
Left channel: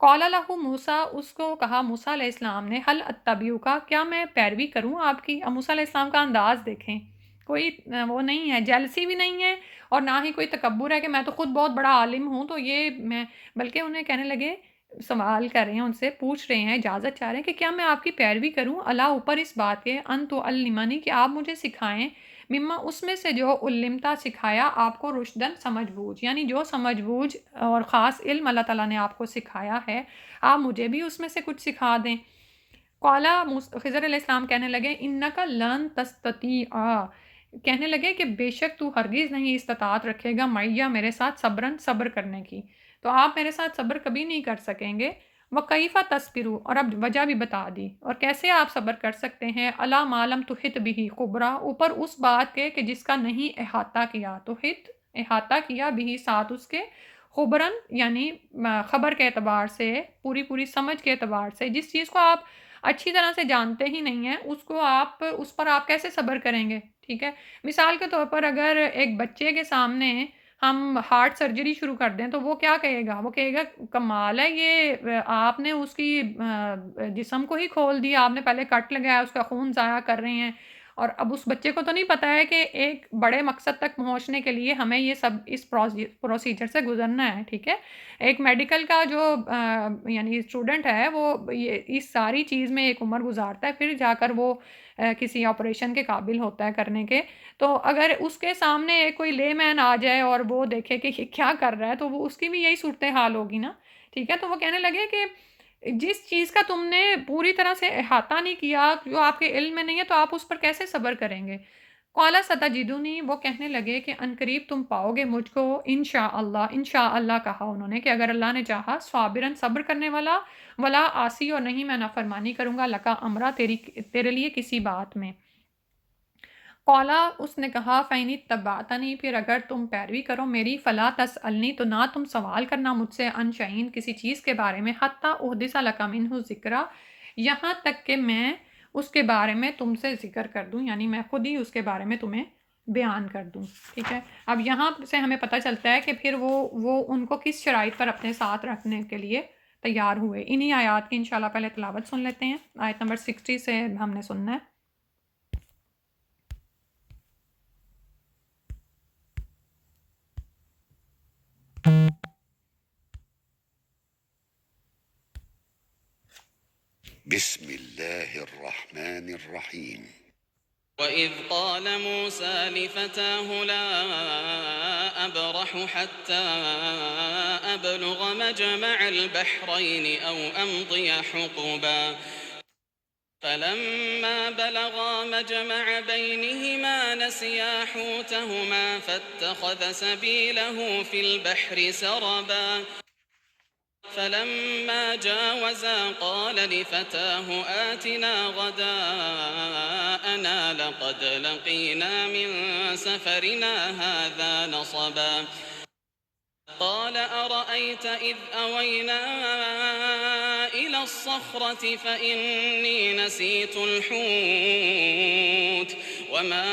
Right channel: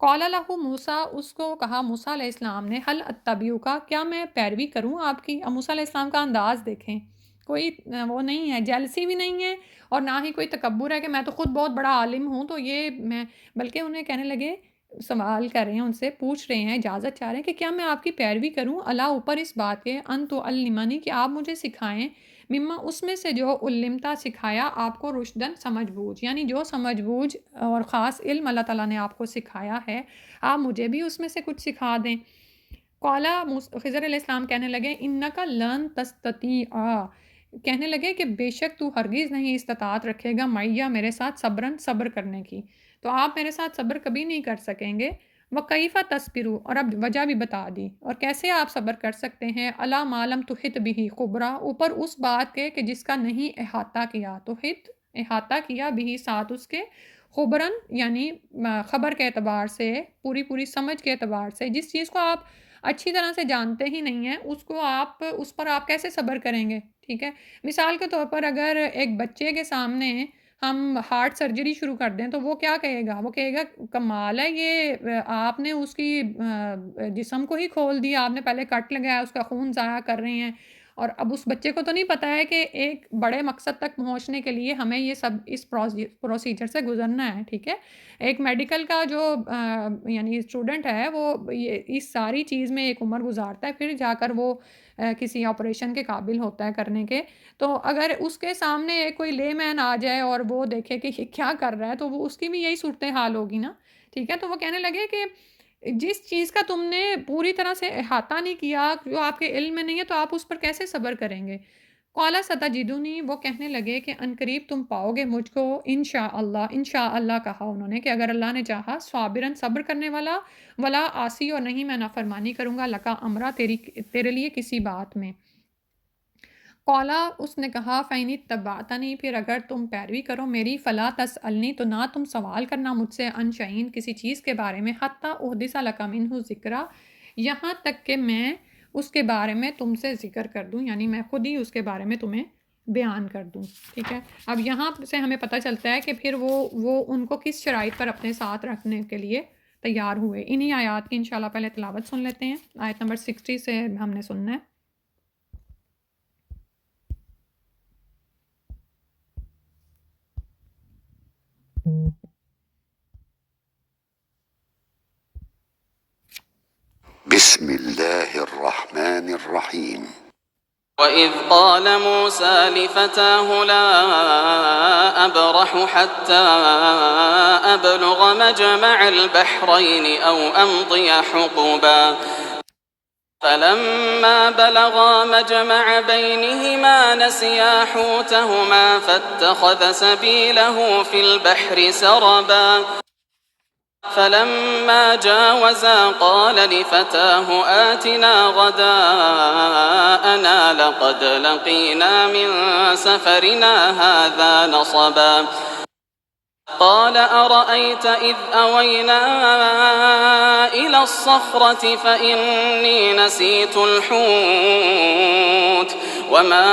قَالَ لَهُ موسیٰ، اس کو کہا موسیٰ علیہ السلام نے، هل اتبعک، کیا میں پیروی کروں آپ کی؟ اب موسیٰ علیہ السلام کا انداز دیکھیں، کوئی وہ نہیں ہے، جیلسی بھی نہیں ہے اور نہ ہی کوئی تکبر ہے کہ میں تو خود بہت بڑا عالم ہوں تو یہ میں، بلکہ انہیں کہنے لگے، سوال کر رہے ہیں، ان سے پوچھ رہے ہیں، اجازت چاہ رہے ہیں کہ کیا میں آپ کی پیروی کروں، اللہ اوپر اس بات کے، ان تعلمنی کہ آپ مجھے سکھائیں، مما اس میں سے جو علمتا سکھایا آپ کو، رشدن سمجھ بوجھ، یعنی جو سمجھ بوجھ اور خاص علم اللہ تعالیٰ نے آپ کو سکھایا ہے آپ مجھے بھی اس میں سے کچھ سکھا دیں۔ قالا، خضر علیہ السلام کہنے لگے، انکا لن تستطیع، کہنے لگے کہ بے شک تو ہرگز نہیں استطاعت رکھے گا معیہ میرے ساتھ، صبرن صبر کرنے کی، تو آپ میرے ساتھ صبر کبھی نہیں کر سکیں گے۔ وَكَيْفَ تَصْبِرُ، اور اب وجہ بھی بتا دی، اور کیسے آپ صبر کر سکتے ہیں، عَلَىٰ مَا لَمْ تُحِطْ بِهِ خُبْرًا، اوپر اس بات کے کہ جس کا نہیں احاطہ کیا، تحط احاطہ کیا بھی ساتھ اس کے، خبرن یعنی خبر کے اعتبار سے، پوری پوری سمجھ کے اعتبار سے، جس چیز کو آپ اچھی طرح سے جانتے ہی نہیں ہیں اس کو آپ، اس پر آپ کیسے صبر کریں گے، ٹھیک ہے۔ مثال کے طور پر اگر ایک بچے کے سامنے ہم ہارٹ سرجری شروع کر دیں تو وہ کیا کہے گا، وہ کہے گا کمال ہے یہ، آپ نے اس کی جسم کو ہی کھول دیا، آپ نے پہلے کٹ لگایا، اس کا خون ضائع کر رہے ہیں، اور اب اس بچے کو تو نہیں پتہ ہے کہ ایک بڑے مقصد تک پہنچنے کے لیے ہمیں یہ سب اس پروسیجر سے گزرنا ہے، ٹھیک ہے۔ ایک میڈیکل کا جو یعنی اسٹوڈنٹ ہے وہ اس ساری چیز میں ایک عمر گزارتا ہے، پھر جا کر وہ کسی آپریشن کے قابل ہوتا ہے کرنے کے، تو اگر اس کے سامنے کوئی لے مین آ جائے اور وہ دیکھے کہ یہ کیا کر رہا ہے تو وہ اس کی بھی یہی صورتحال ہوگی نا، ٹھیک ہے۔ تو وہ کہنے لگے کہ جس چیز کا تم نے پوری طرح سے احاطہ نہیں کیا، جو آپ کے علم میں نہیں ہے، تو آپ اس پر کیسے صبر کریں گے۔ قَالَ سَتَجِدُنِی، وہ کہنے لگے کہ عنقریب تم پاؤ گے مجھ کو، انشاءاللہ، انشاءاللہ کہا انہوں نے کہ اگر اللہ نے چاہا، صابرن صبر کرنے والا، ولا عاصی اور نہیں میں نافرمانی کروں گا، لکا امرا تیرے لیے کسی بات میں۔ قالا، اس نے کہا، فَإِنِ اتَّبَعْتَنِی، پھر اگر تم پیروی کرو میری، فلا تسألنی، تو نہ تم سوال کرنا مجھ سے، عن شیء کسی چیز کے بارے میں، حتی احدث لک منہ ذکرا، یہاں تک کہ میں اس کے بارے میں تم سے ذکر کر دوں، یعنی میں خود ہی اس کے بارے میں تمہیں بیان کر دوں، ٹھیک ہے۔ اب یہاں سے ہمیں پتہ چلتا ہے کہ پھر وہ ان کو کس شرائط پر اپنے ساتھ رکھنے کے لیے تیار ہوئے۔ انہی آیات کی انشاءاللہ پہلے تلاوت سن لیتے ہیں۔ آیت نمبر 60 سے ہم نے سننا ہے۔ بسم الله الرحمن الرحيم وَإِذْ قَالَ مُوسَى لِفَتَاهُ لَا أَبْرَحُ حَتَّى أَبْلُغَ مَجْمَعَ الْبَحْرَيْنِ أَوْ أَمْضِيَ حُقُبًا فَلَمَّا بَلَغَا مَجْمَعَ بَيْنِهِمَا نَسِيَا حُوتَهُمَا فَاتَّخَذَ سَبِيلَهُ فِي الْبَحْرِ سَرَبًا فلما جاوزا قال لفتاه آتنا غداءنا لقد لقينا من سفرنا هذا نصبا قال أرأيت إذ أوينا إلى الصخرة فإني نسيت الحوت وما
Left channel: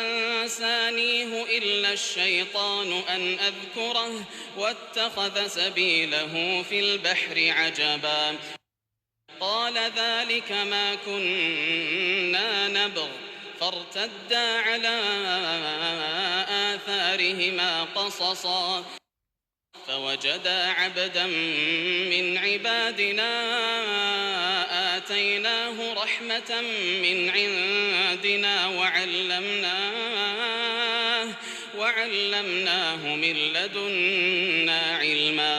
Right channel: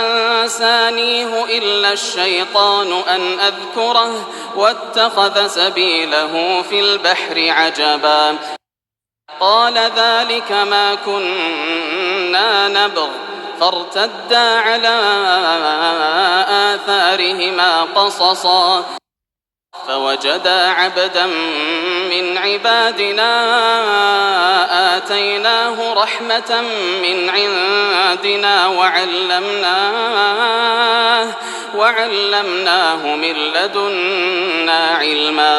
أنسانيه إلا الشيطان أن أذكره واتخذ سبيله في البحر عجبا قال ذلك ما كنا نبغ فارتدا على آثارهما قصصا فوجدا عبدا من عبادنا آتيناه رحمة من عندنا وعلمناه من لدنا علما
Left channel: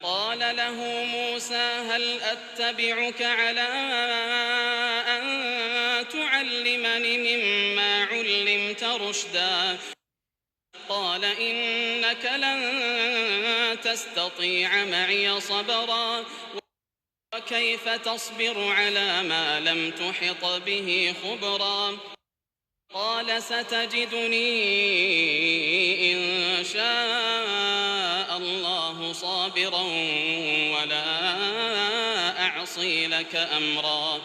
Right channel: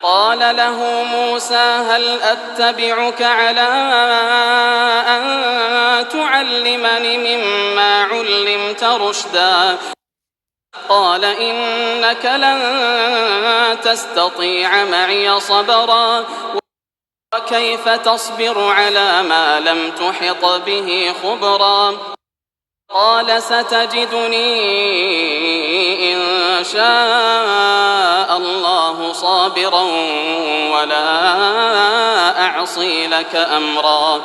قال له موسى هل أتبعك على أن تعلمني مما علمت رشدا قال إنك لن تستطيع معي صبرا وكيف تصبر على ما لم تحط به خبرا قال ستجدني إن شاء الله صابرا ولا أعصي لك أمرا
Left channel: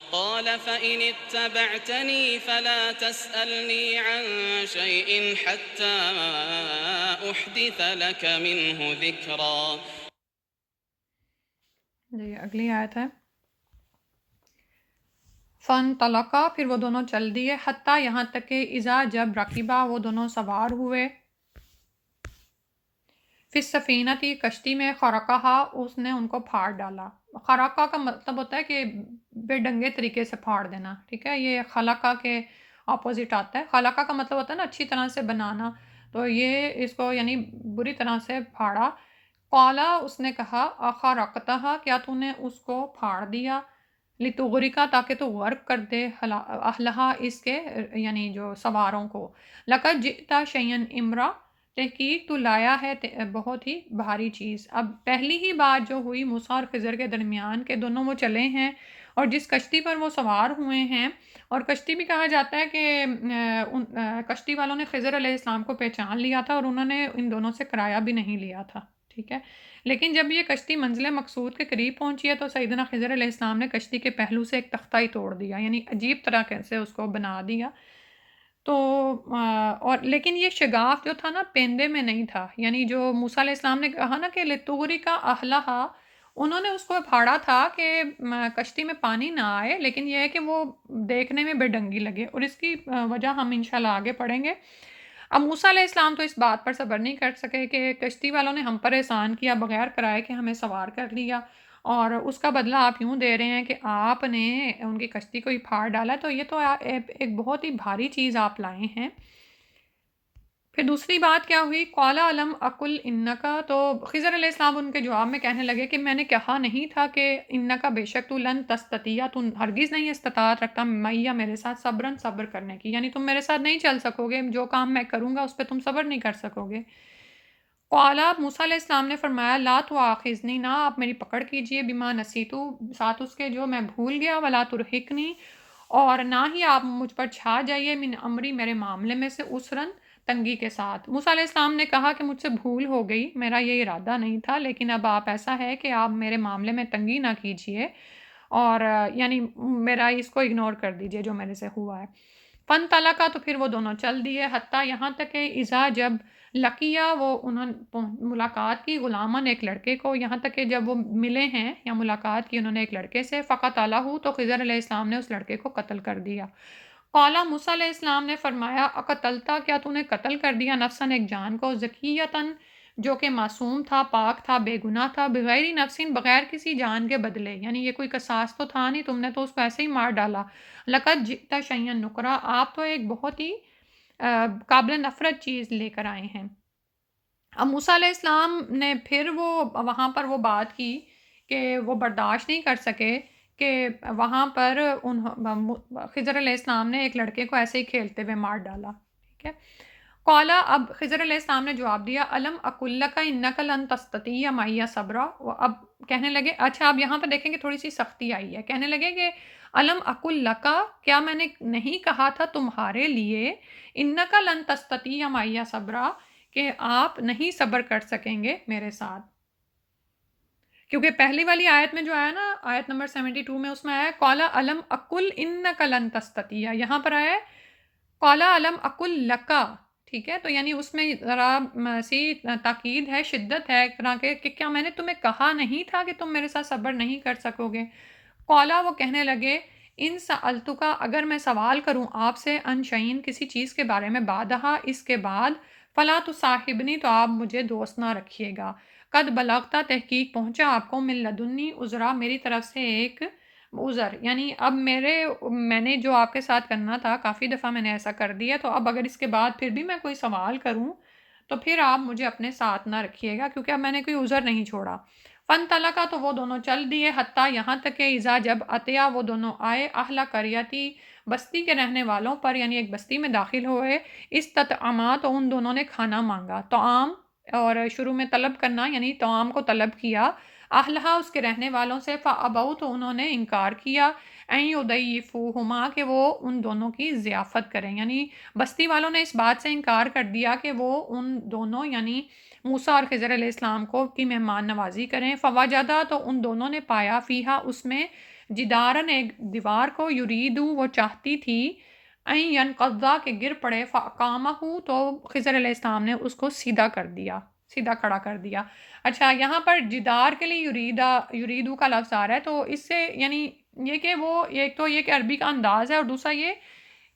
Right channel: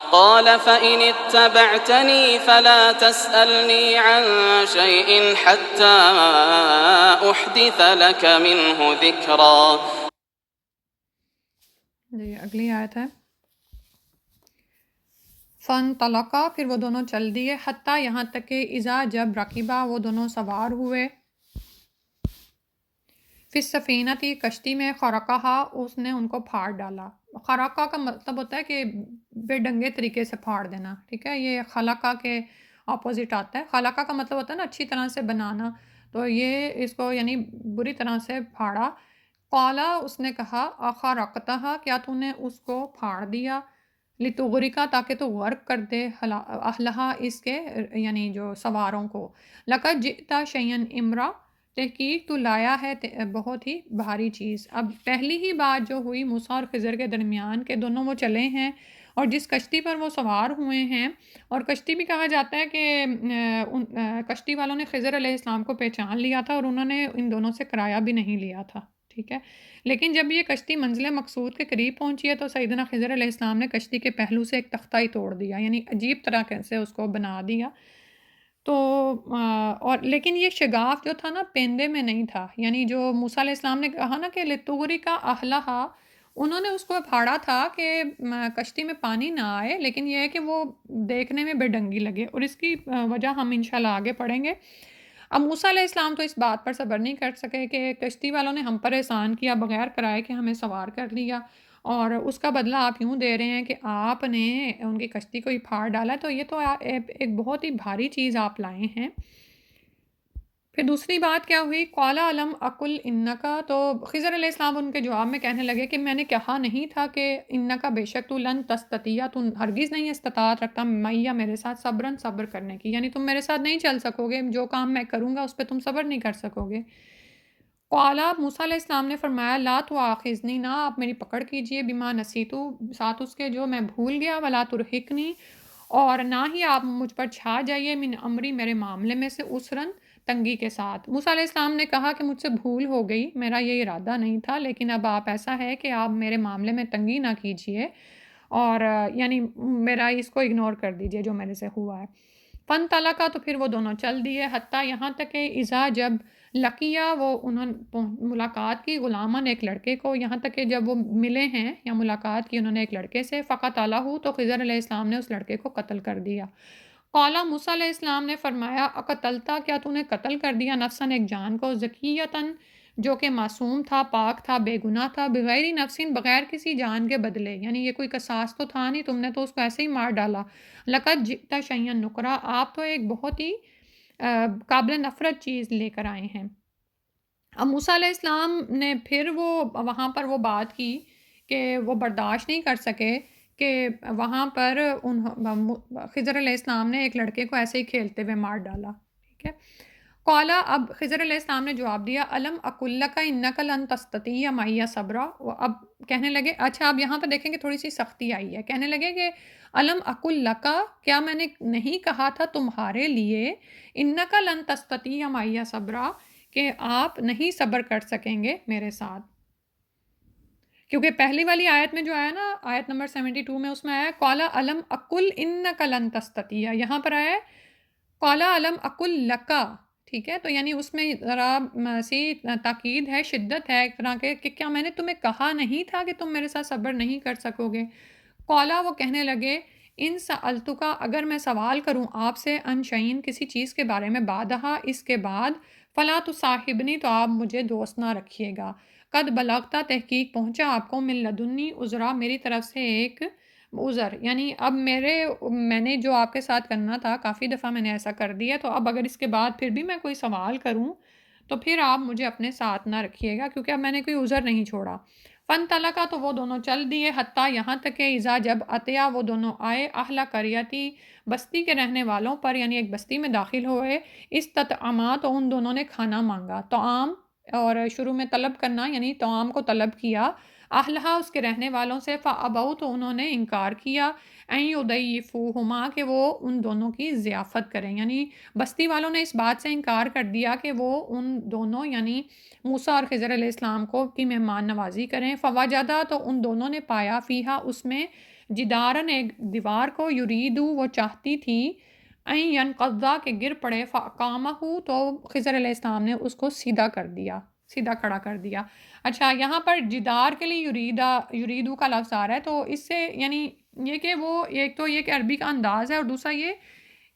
قال فإن اتبعتني فلا تسألني عن شيء حتى أحدث لك منه ذكرا۔ جی اگلی آیت ہے فن طلقہ، پھر وہ دونوں چل دیے، حتیٰ یہاں تک کہ اذا جب رکیبہ وہ دونوں سوار ہوئے، فی السفینۃ کشتی میں، خرقہا اس نے ان کو پھاڑ ڈالا۔ خرقہ کا مطلب ہوتا ہے کہ بے ڈنگے طریقے سے پھاڑ دینا، ٹھیک ہے، یہ خلقہ کے اپوزٹ آتا ہے۔ خلقہ کا مطلب ہوتا ہے نا اچھی طرح سے بنانا، تو یہ اس کو یعنی بری طرح سے پھاڑا۔ قالا اس نے کہا اخرقتہا کیا تو نے اس کو پھاڑ دیا، لتغرقا تاکہ تو غرق کر دے، اہلہا اس کے یعنی جو سواروں کو، لقد جئتا شیئا امرا تحقیق تو لایا ہے بہت ہی بھاری چیز۔ اب پہلی ہی بات جو ہوئی موسیٰ اور خضر کے درمیان کہ دونوں وہ چلے ہیں اور جس کشتی پر وہ سوار ہوئے ہیں، اور کشتی بھی کہا جاتا ہے کہ کشتی والوں نے خضر علیہ السلام کو پہچان لیا تھا اور انہوں نے ان دونوں سے کرایہ بھی نہیں لیا تھا، ٹھیک ہے، لیکن جب یہ کشتی منزل مقصود کے قریب پہنچی ہے تو سیدنا خضر علیہ السلام نے کشتی کے پہلو سے ایک تختہ ہی توڑ دیا، یعنی عجیب طرح سے اس کو بنا دیا۔ تو اور لیکن یہ شگاف جو تھا نا پیندے میں نہیں تھا، یعنی جو موسیٰ علیہ السلام نے کہا نا کہ لتغرقا اہلہا، انہوں نے اس کو پھاڑا تھا کہ کشتی میں پانی نہ آئے، لیکن یہ ہے کہ وہ دیکھنے میں بے ڈنگی لگے، اور اس کی وجہ ہم انشاءاللہ آگے پڑھیں گے۔ اب موسیٰ علیہ السلام تو اس بات پر صبر نہیں کر سکے کہ کشتی والوں نے ہم پر احسان کیا بغیر کرائے کہ ہمیں سوار کر لیا، اور اس کا بدلہ آپ یوں دے رہے ہیں کہ آپ نے ان کی کشتی کو ہی پھاڑ ڈالا، تو یہ تو ایک بہت ہی بھاری چیز آپ لائے ہیں۔ پھر دوسری بات کیا ہوئی، قال الم اقل انکا، تو خضر علیہ السلام ان کے جواب میں کہنے لگے کہ میں نے کہا نہیں تھا کہ انکا بے شک تو لن تستطیع، تو ہرگز نہیں استطاعت رکھتا معیہ میرے ساتھ صبرن صبر کرنے کی، یعنی تم میرے ساتھ نہیں چل سکو گے، جو کام میں کروں گا اس پہ تم صبر نہیں کر سکو گے۔ قال موسیٰ علیہ السلام نے فرمایا لا تؤاخذنی، نہ آپ میری پکڑ کیجئے، بما نسیتو ساتھ اس کے جو میں بھول گیا، ولا ترہقنی اور نہ ہی آپ مجھ پر چھا جائیے، من امری میرے معاملے میں سے، عسرن تنگی کے ساتھ۔ موسیٰ علیہ السلام نے کہا کہ مجھ سے بھول ہو گئی، میرا یہ ارادہ نہیں تھا، لیکن اب آپ ایسا ہے کہ آپ میرے معاملے میں تنگی نہ کیجئے، اور یعنی میرا اس کو اگنور کر دیجئے جو میرے سے ہوا ہے۔ فن طلقہ، تو پھر وہ دونوں چل دیے، حتیٰ یہاں تک کہ اذا جب لقیہ وہ انہوں نے ملاقات کی غلامن ایک لڑکے کو، یہاں تک کہ جب وہ ملے ہیں یا ملاقات کی انہوں نے ایک لڑکے سے، فقتلہ تو خضر علیہ السلام نے اس لڑکے کو قتل کر دیا۔ قالا موسیٰ علیہ السلام نے فرمایا اقتلتا، کیا تو نے قتل کر دیا نفسن ایک جان کو، زکیتن جو کہ معصوم تھا، پاک تھا، بے گناہ تھا، بغیر نفسین بغیر کسی جان کے بدلے، یعنی یہ کوئی قصاص تو تھا نہیں، تم نے تو اس کو ایسے ہی مار ڈالا۔ لقد جئت شیئا نکرا، آپ تو ایک بہت ہی قابل نفرت چیز لے کر آئے ہیں۔ اب موسیٰ علیہ السلام نے پھر وہ وہاں پر وہ بات کی کہ وہ برداشت نہیں کر سکے کہ وہاں پر خضر علیہ السلام نے ایک لڑکے کو ایسے ہی کھیلتے ہوئے مار ڈالا، ٹھیک ہے۔ قالا، اب خضر علیہ السلام نے جواب دیا الم اقل لک انک لن تستطیع معی صبرا، اب کہنے لگے، اچھا اب یہاں پہ دیکھیں کہ تھوڑی سی سختی آئی ہے، کہنے لگے کہ الم اقل لک، کیا میں نے نہیں کہا تھا تمہارے لیے، انک لن تستطیع معی صبرا کہ آپ نہیں صبر کر سکیں گے میرے ساتھ، کیونکہ پہلی والی آیت میں جو آیا نا، آیت نمبر 72 میں، اس میں آیا قالا الم اقل انک لن تستطیع، یہاں پر آیا قالا الم اقل لکا، ٹھیک ہے، تو یعنی اس میں ذرا سی تاکید ہے، شدت ہے ایک طرح کے کہ کیا میں نے تمہیں کہا نہیں تھا کہ تم میرے ساتھ صبر نہیں کر سکو گے۔ قالا، وہ کہنے لگے ان سألتکا، اگر میں سوال کروں آپ سے، ان شیئن کسی چیز کے بارے میں، بعدہا اس کے بعد، فلا تصاحبنی تو آپ مجھے دوست نہ رکھیے گا، قد بلغتا تحقیق پہنچا آپ کو، من لدنی عذرا میری طرف سے ایک عذر، یعنی اب میں نے جو آپ کے ساتھ کرنا تھا کافی دفعہ میں نے ایسا کر دیا، تو اب اگر اس کے بعد پھر بھی میں کوئی سوال کروں تو پھر آپ مجھے اپنے ساتھ نہ رکھیے گا، کیونکہ اب میں نے کوئی عذر نہیں چھوڑا۔ فن طلقہ، تو وہ دونوں چل دیے، حتیٰ یہاں تک کہ اذا جب عطیہ وہ دونوں آئے، اہل قریتی بستی کے رہنے والوں پر، یعنی ایک بستی میں داخل ہوئے، استطعما تو ان دونوں نے کھانا مانگا، طعام، اور شروع میں طلب کرنا یعنی طعام کو طلب کیا، اہلہا اس کے رہنے والوں سے، فابوا تو انہوں نے انکار کیا، این یضیفوہما کہ وہ ان دونوں کی ضیافت کریں، یعنی بستی والوں نے اس بات سے انکار کر دیا کہ وہ ان دونوں یعنی موسیٰ اور خضر علیہ السلام کو کی مہمان نوازی کریں۔ فوجدہ تو ان دونوں نے پایا، فیہا اس میں، جدارن ایک دیوار کو، یریدو وہ چاہتی تھی، این ینقضا کہ گر پڑے، فاقامہ تو خضر علیہ السلام نے اس کو سیدھا کر دیا، سیدھا کھڑا کر دیا۔ اچھا، یہاں پر جدار کے لیے یریدو کا لفظ آ رہا ہے، تو اس سے یعنی یہ کہ وہ ایک تو یہ کہ عربی کا انداز ہے، اور دوسرا یہ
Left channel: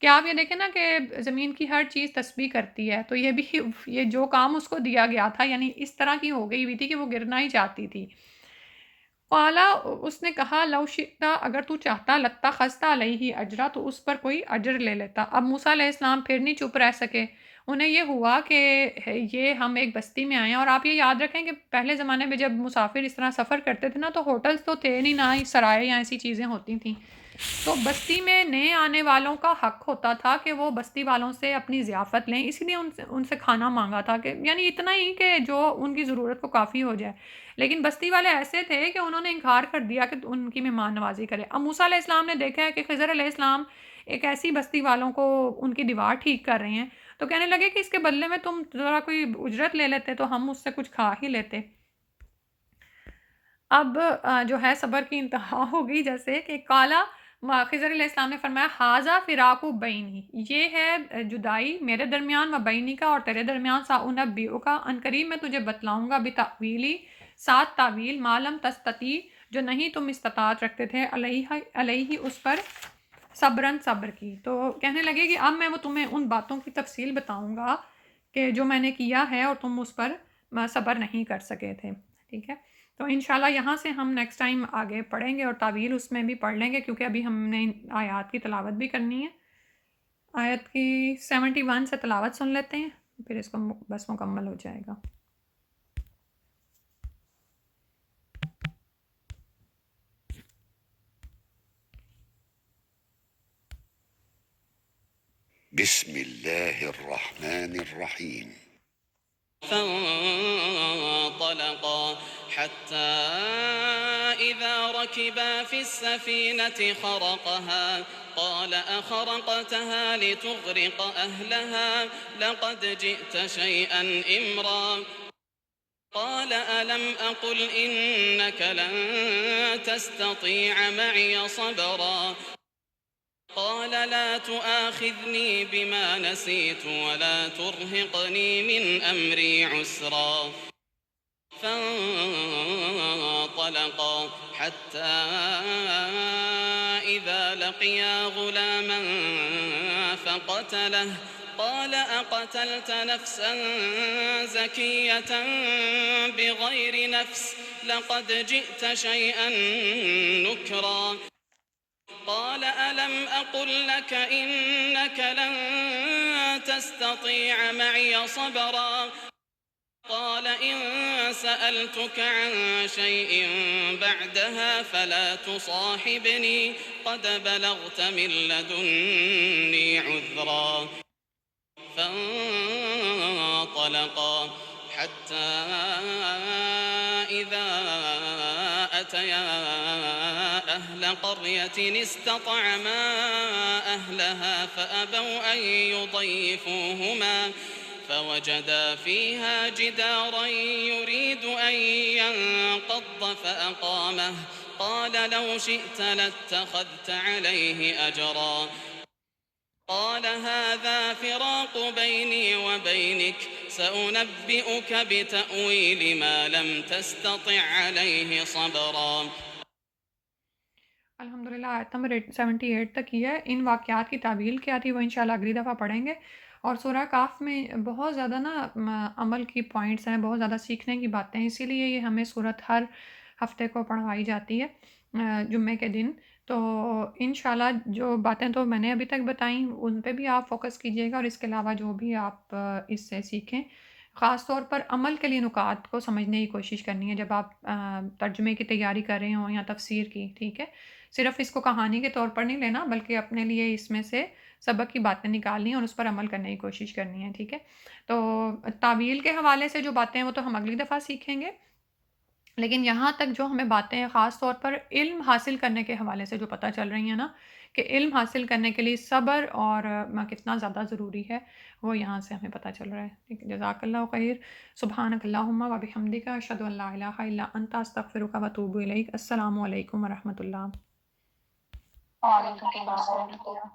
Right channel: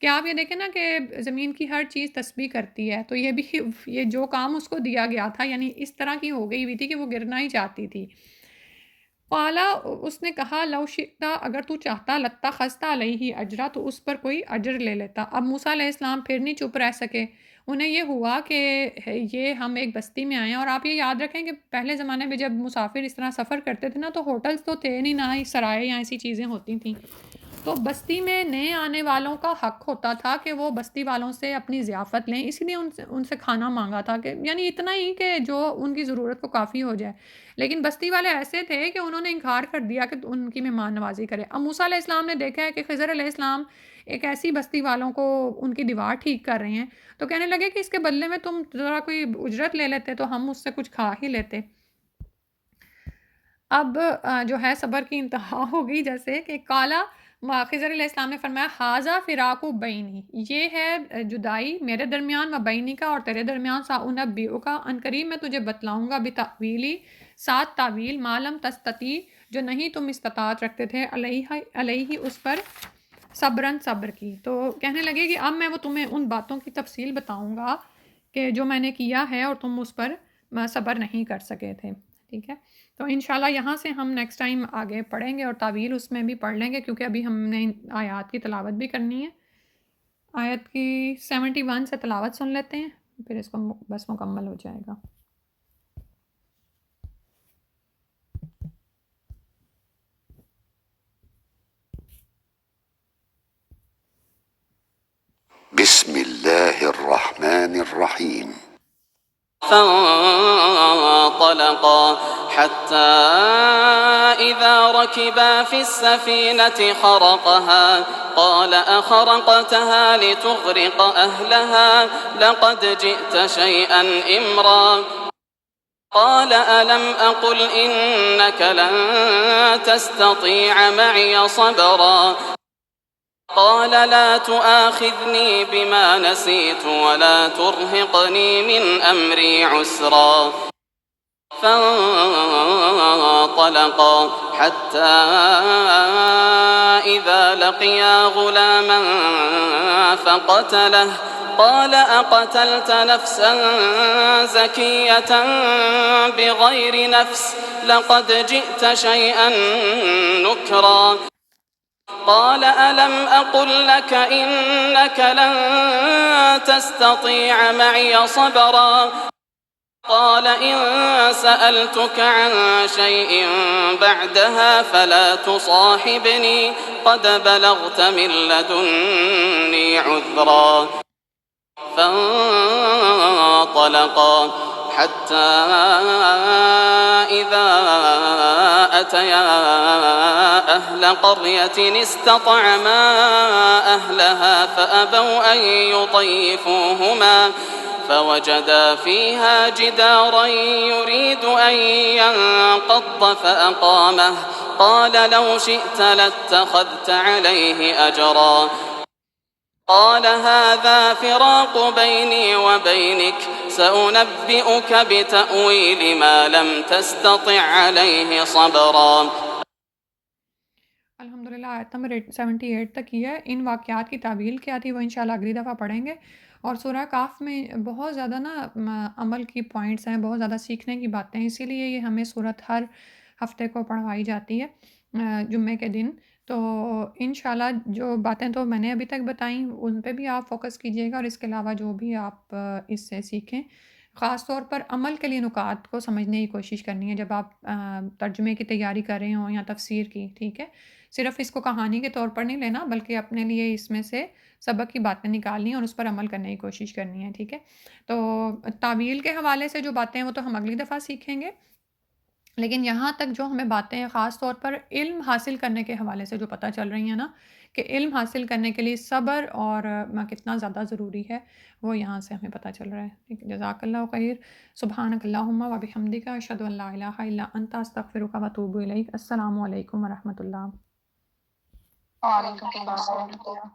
کہ آپ یہ دیکھیں نا کہ زمین کی ہر چیز تسبیح کرتی ہے، تو یہ بھی یہ جو کام اس کو دیا گیا تھا یعنی اس طرح کی ہو گئی ہوئی تھی کہ وہ گرنا ہی چاہتی تھی۔ قالا، اس نے کہا لو شئتا اگر تو چاہتا، لاتخذت علیہ اجرا تو اس پر کوئی اجر لے لیتا۔ اب موسیٰ علیہ السلام پھر نہیں چپ رہ سکے، انہیں یہ ہوا کہ یہ ہم ایک بستی میں آئے ہیں، اور آپ یہ یاد رکھیں کہ پہلے زمانے میں جب مسافر اس طرح سفر کرتے تھے نا، تو ہوٹلز تو تھے نہیں، نہ ہی سرائے یا ایسی چیزیں ہوتی تھیں، تو بستی میں نئے آنے والوں کا حق ہوتا تھا کہ وہ بستی والوں سے اپنی ضیافت لیں، اسی لیے ان سے کھانا مانگا تھا، کہ یعنی اتنا ہی کہ جو ان کی ضرورت کو کافی ہو جائے، لیکن بستی والے ایسے تھے کہ انہوں نے انکار کر دیا کہ ان کی مہمان نوازی کرے۔ اب موسیٰ علیہ السلام نے دیکھا ہے کہ خضر علیہ السلام ایک ایسی بستی والوں کو ان کی دیوار ٹھیک کر رہے ہیں، تو کہنے لگے کہ اس کے بدلے میں تم ذرا کوئی اجرت لے لیتے تو ہم اس سے کچھ کھا ہی لیتے۔ اب جو ہے صبر کی انتہا ہو گئی، جیسے کہ کالا، خضر علیہ السلام نے فرمایا حاذا فراق بینی، یہ ہے جدائی میرے درمیان، و بینی کا اور تیرے درمیان، سأنبئک ان قریب میں تجھے بتلاؤں گا، بتأویلی ساتھ تعویل، ما لم تستطیع جو نہیں تم استطاعت رکھتے تھے، علیہ اس پر، صبرن صبر کی۔ تو کہنے لگے کہ اب میں وہ تمہیں ان باتوں کی تفصیل بتاؤں گا کہ جو میں نے کیا ہے اور تم اس پر صبر نہیں کر سکے تھے، ٹھیک ہے۔ تو انشاءاللہ یہاں سے ہم نیکسٹ ٹائم آگے پڑھیں گے اور تعویل اس میں بھی پڑھ لیں گے، کیونکہ ابھی ہم نے آیات کی تلاوت بھی کرنی ہے۔ آیت کی 71 سے تلاوت سن لیتے ہیں، پھر اس کو بس مکمل ہو جائے گا۔ بسم الله الرحمن الرحيم. فانطلقا حتى إذا ركبا في السفينة خرقها قال أخرقتها لتغرق أهلها لقد جئت شيئا إمرا قال ألم أقل إنك لن تستطيع معي صبرا قال لا تؤاخذني بما نسيت ولا ترهقني من أمري عسرا فانطلقا حتى إذا لقيا غلاما فقتله قال أقتلت نفسا زكية بغير نفس لقد جئت شيئا نكرا قال ألم أقل لك إنك لن تستطيع معي صبرا قال إن سألتك عن شيء بعدها فلا تصاحبني قد بلغت من لدني عذرا فانطلقا حتى إذا أتيا أهل قرية استطعما أهلها فأبوا أن يضيفوهما فوجدا فيها جدارا يريد أن ينقض فأقامه قال لو شئت لاتخذت عليه أجرا قال هذا فراق بيني وبينك سأنبئك بتأويل ما لم تستطع عليه صبرا الحمدللہ آیت نمبر 78 تک کی ہے. ان واقعات کی تعویل کیا تھی وہ انشاءاللہ اگلی دفعہ پڑھیں گے. اور سورہ کاف میں بہت زیادہ عمل کی پوائنٹس ہیں، بہت زیادہ سیکھنے کی باتیں ہیں، اسی لیے یہ ہمیں صورت ہر ہفتے کو پڑھوائی جاتی ہے جمعے کے دن. تو انشاءاللہ جو باتیں تو میں نے ابھی تک بتائیں ان پہ بھی آپ فوکس کیجیے گا، اور اس کے علاوہ جو بھی آپ اس سے سیکھیں، خاص طور پر عمل کے لیے نکات کو سمجھنے کی کوشش کرنی ہے جب آپ ترجمے کی تیاری کر رہے ہوں یا تفسیر کی. ٹھیک ہے، صرف اس کو کہانی کے طور پر نہیں لینا بلکہ اپنے لیے اس میں سے سبق کی باتیں نکالنی ہیں اور اس پر عمل کرنے کی کوشش کرنی ہے. ٹھیک ہے، تو تعویل کے حوالے سے جو باتیں ہیں وہ تو ہم اگلی دفعہ سیکھیں گے، لیکن یہاں تک جو ہمیں باتیں ہیں خاص طور پر علم حاصل کرنے کے حوالے سے جو پتہ چل رہی ہیں نا، کہ علم حاصل کرنے کے لیے صبر اور کتنا زیادہ ضروری ہے، وہ یہاں سے ہمیں پتہ چل رہا ہے. ٹھیک ہے، جزاک اللہ خیر. سبحانک اللہم و بحمدک اشہد ان لا الہ الا انت استغفرک و اتوب الیک. السلام علیکم و رحمۃ اللہ. وعلیکم السلام ورحمۃ اللہ.